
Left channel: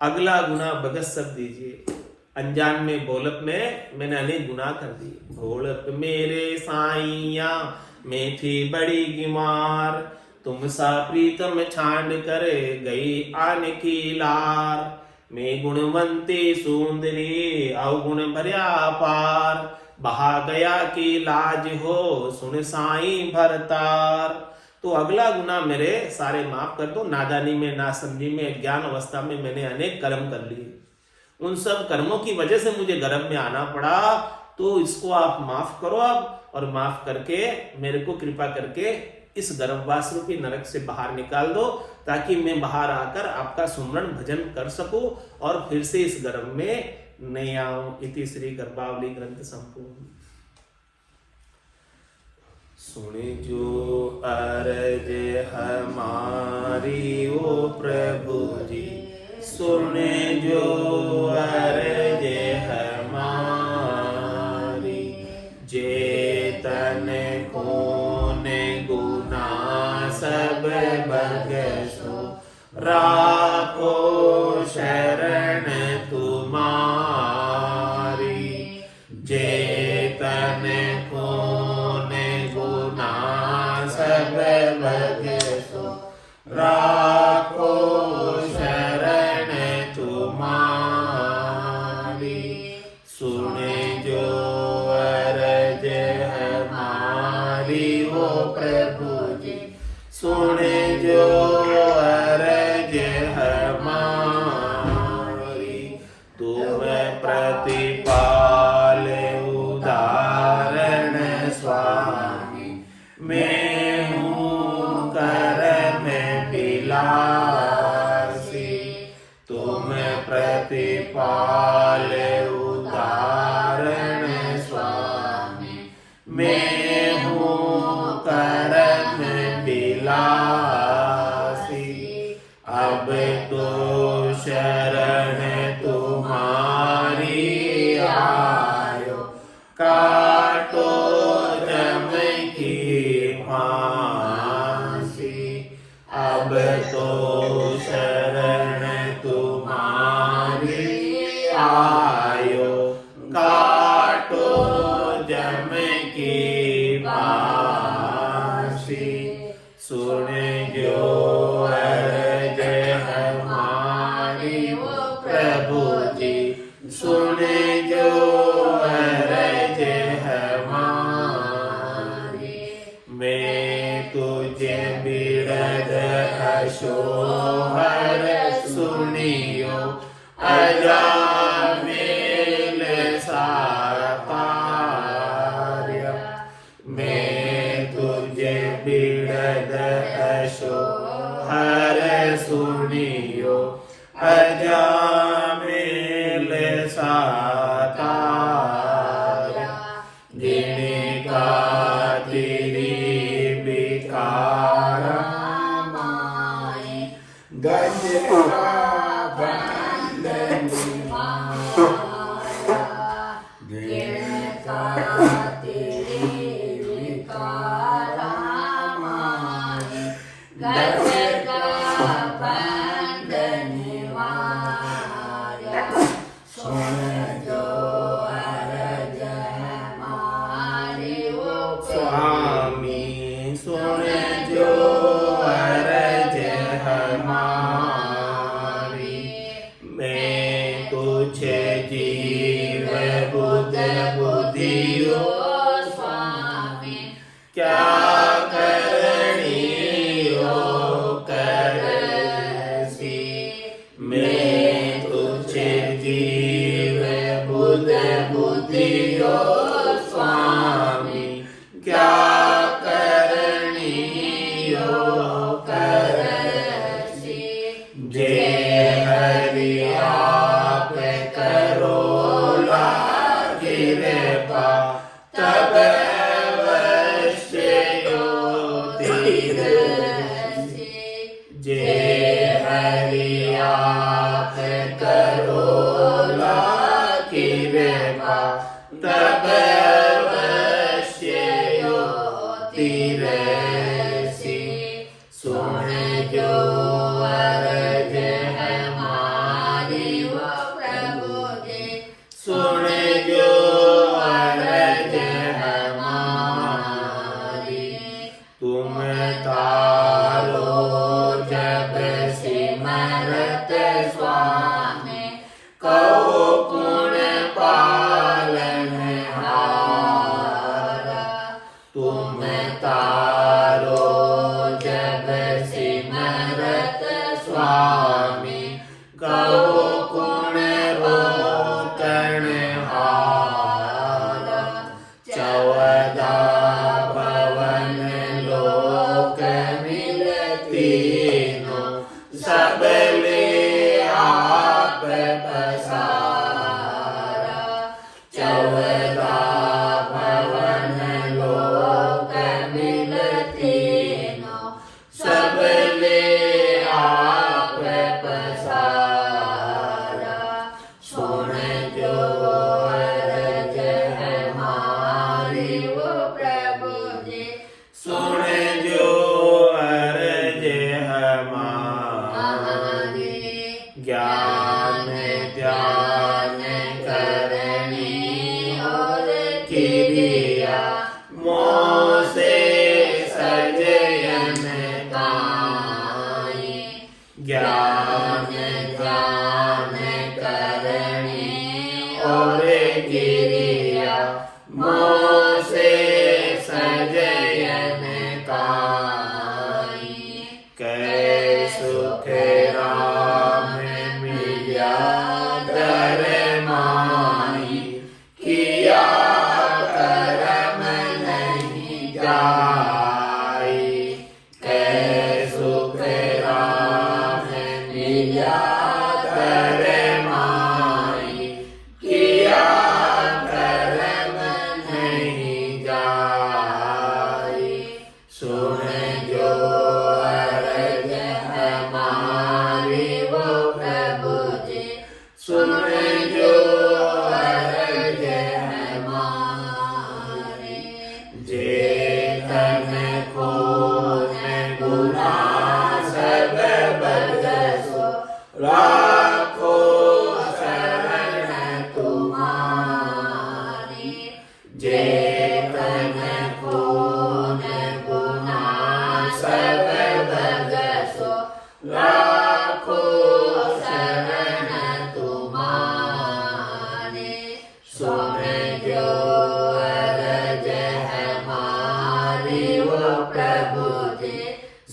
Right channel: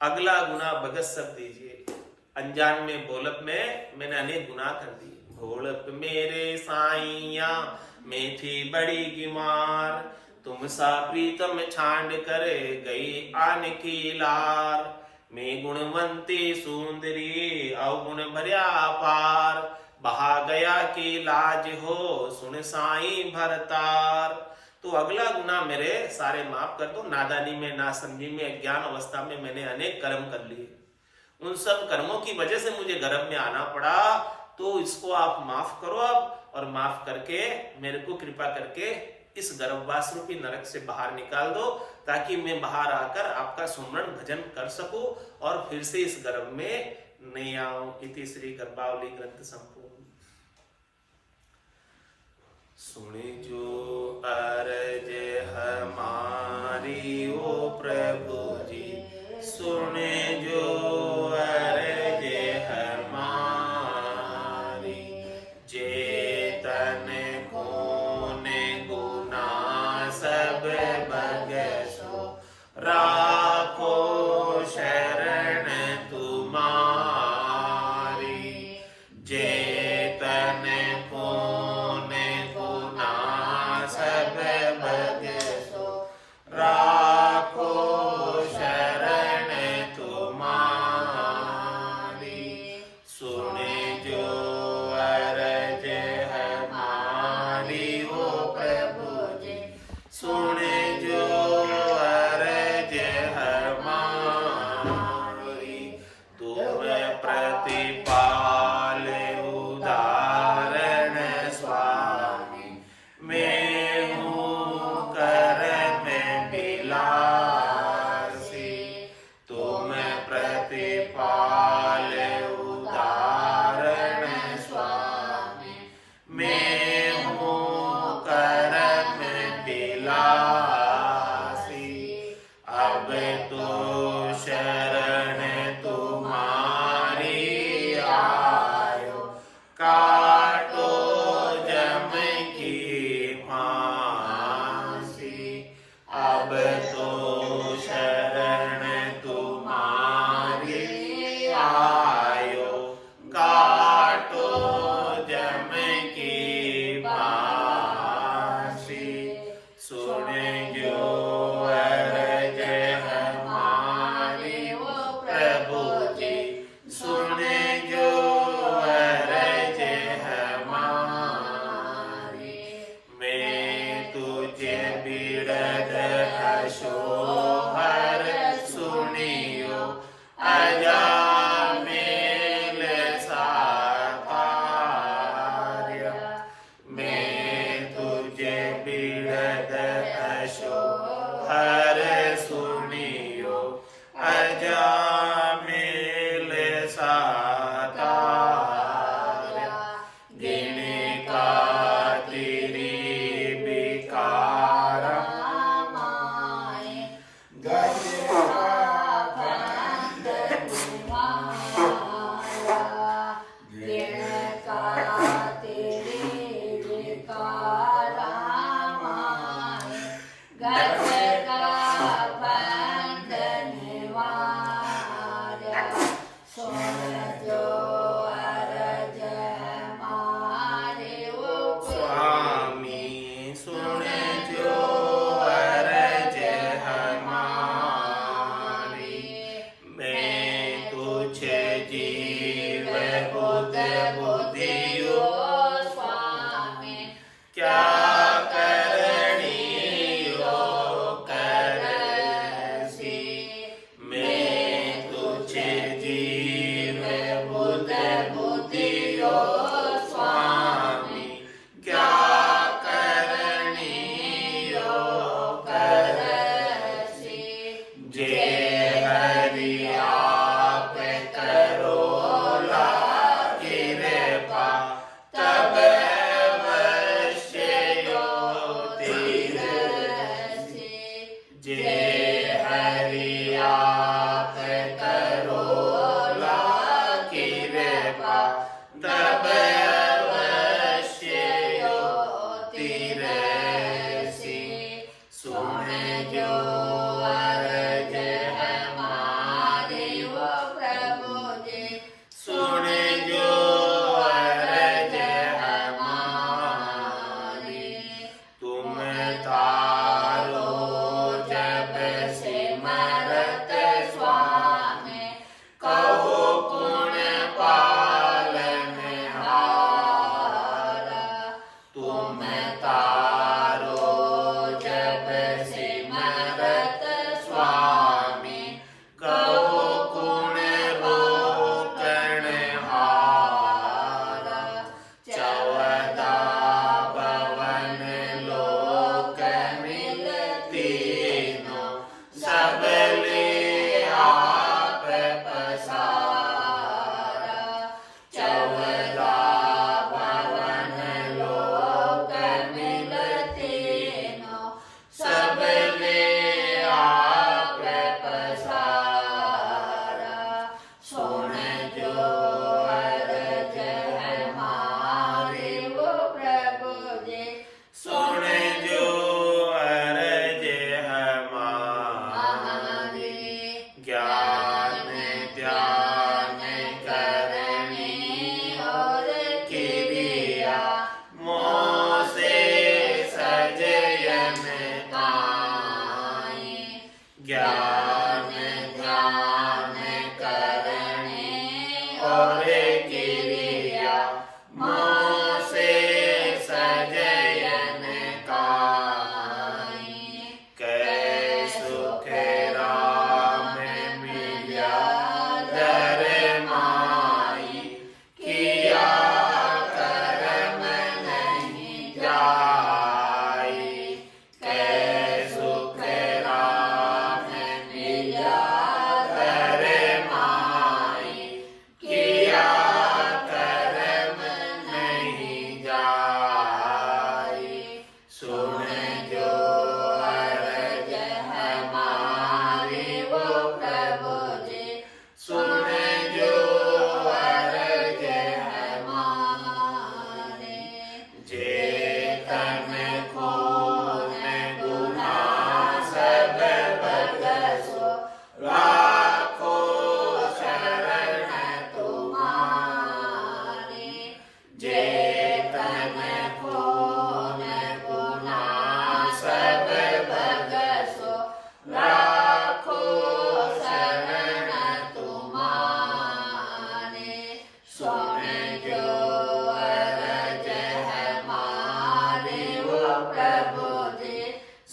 अगला गुना भगत सब दीजिए। अनजान में भोलप में मैंने अनेक गुनाह कर दिए। भोलप मेरे साइया मैं थी बड़ी बीमार, तुम सा प्रीतम छांड कर गई आन की लार। मैं गुणवंती सुंदरी अवगुण भर्या पार, बहा गया की लाज हो सुन साई भरतार। तो अगला गुना मेरे सारे माफ कर दो। नादानी में, ना समझी में, ज्ञान अवस्था में मैंने अनेक कर्म कर लिए, उन सब कर्मों की वजह से मुझे गर्भ में आना पड़ा, तो इसको आप माफ करो अब, और माफ करके मेरे को कृपा करके इस गर्भवास रूपी नरक से बाहर निकाल दो, ताकि मैं बाहर आकर आपका सुमरण भजन कर सकूं और फिर से इस गर्भ में नहीं आऊं। इति श्री गर्भावली ग्रंथ संपूर्ण। सुने जो अरज हमारी ओ प्रभु जी, सुने जो अरज हमारी। जेतन कोने गुना सब बगसो, राखो शरण तुम्हारी। जेतन कोने गुना सब बगसो, राखो शरण तुम्हारी। सुने जो अरज हमारी ओ प्रभु जी, सुने जो अरज हमारी। तुम प्रतिपाल उदाहरण स्वामी, मैं हूँ कर में बिलासी। तुम प्रतिपाल उदाहरण स्वामी, मैं हूँ कर में बिलासी। अब तो शरण तुम्हारी आयो, काटो जम की फांसी। अब तो शरण तुम्हारी आयो, काटो जम की फांसी। सुन जो अरज हमारी प्रभु जी, सुन जो अरज हमारी। मैं तुझे बिरद अशोहर सुनियो, अजामिल सातार्य। मैं तुझे बिरद अशोहर सुनियो, अजामिल सातार्य। गिने का तेरी बिकारा माई, गज का बंधन माया। गिने का तेरी बिकारा माई, गज का बंधन माया। सुन जो अरज हमारी ओ स्वामी, सुन जो अरज हमारी। मैं तुझे जीव बुध बुद्धियो स्वामी, क्या करनी हो करसी। मैं तुझे जीव बुध बुद्धियो स्वामी, क्या करनी हो करसी। जे हरि आप करो कृपा, तब अवश्य तीरसी। जे हरि आप करो कृपा, तब अवश्य तीरसी। अरज हमारी वो प्रभु जी सुन जो अरज हमारी तुम तारो जब सिमरत स्वामी कहो पुण्य पालनहारा तुम तारो जब सिमरत स्वामी कहो पुण्य रोकणहारा चौदह भवन लोक मिलतीनो सबले आप पसारा चौदह भवन लोक मिलतीनो सबले आप पसारा सुन जो अरज हमारी वो प्रभु जी सुन जो अरज हमारी ज्ञान ध्यान करनी और क्रिया मोह से सजयन गाई ज्ञान ध्यान करनी और क्रिया मोह से सजयन गाई कै सुख राम मिल्या दर माई किया करम नहीं जाई कै सुख राम मिल्या दर माई किया करम नहीं जाई सुन जो अरज हमारी वो प्रभु जी सुन जो अरज हमारी जेतन को गुना सब बरसो लाखो शरण तुम्हारी जेतन को गुना सब बरसो लाखो शरण तुम्हारी सुन जो अरज हमारी वो प्रभु जी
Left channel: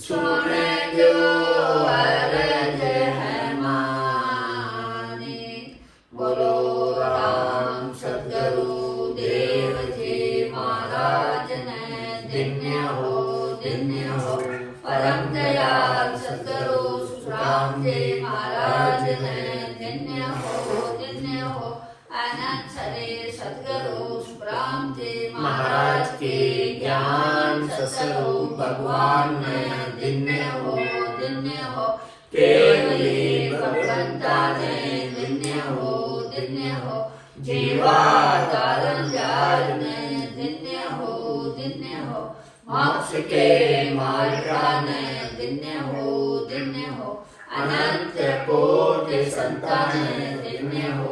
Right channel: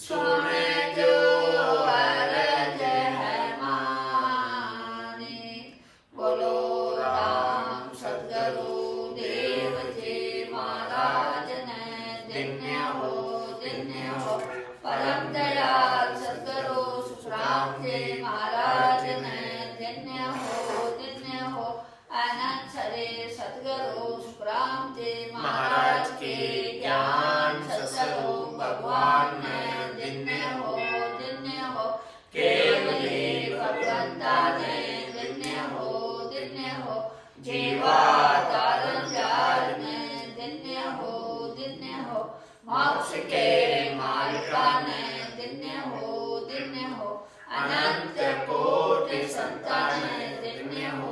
सुन जो अरज हमारी बोलो राम सद्गुरु देव जी महाराज ने धन्य हो परम दयाल सद्गुरु सुखराम जी महाराज ने धन्य हो आनंद सरे सद्गुरु सुखराम जी महाराज के ज्ञान स्वरूप भगवान ने धन्य हो केवली भगवंता ने धन्य हो जीवा कारण व्याज में धन्य हो मोक्ष के मार्ग में धन्य हो अनंत कोटि संतान में धन्य हो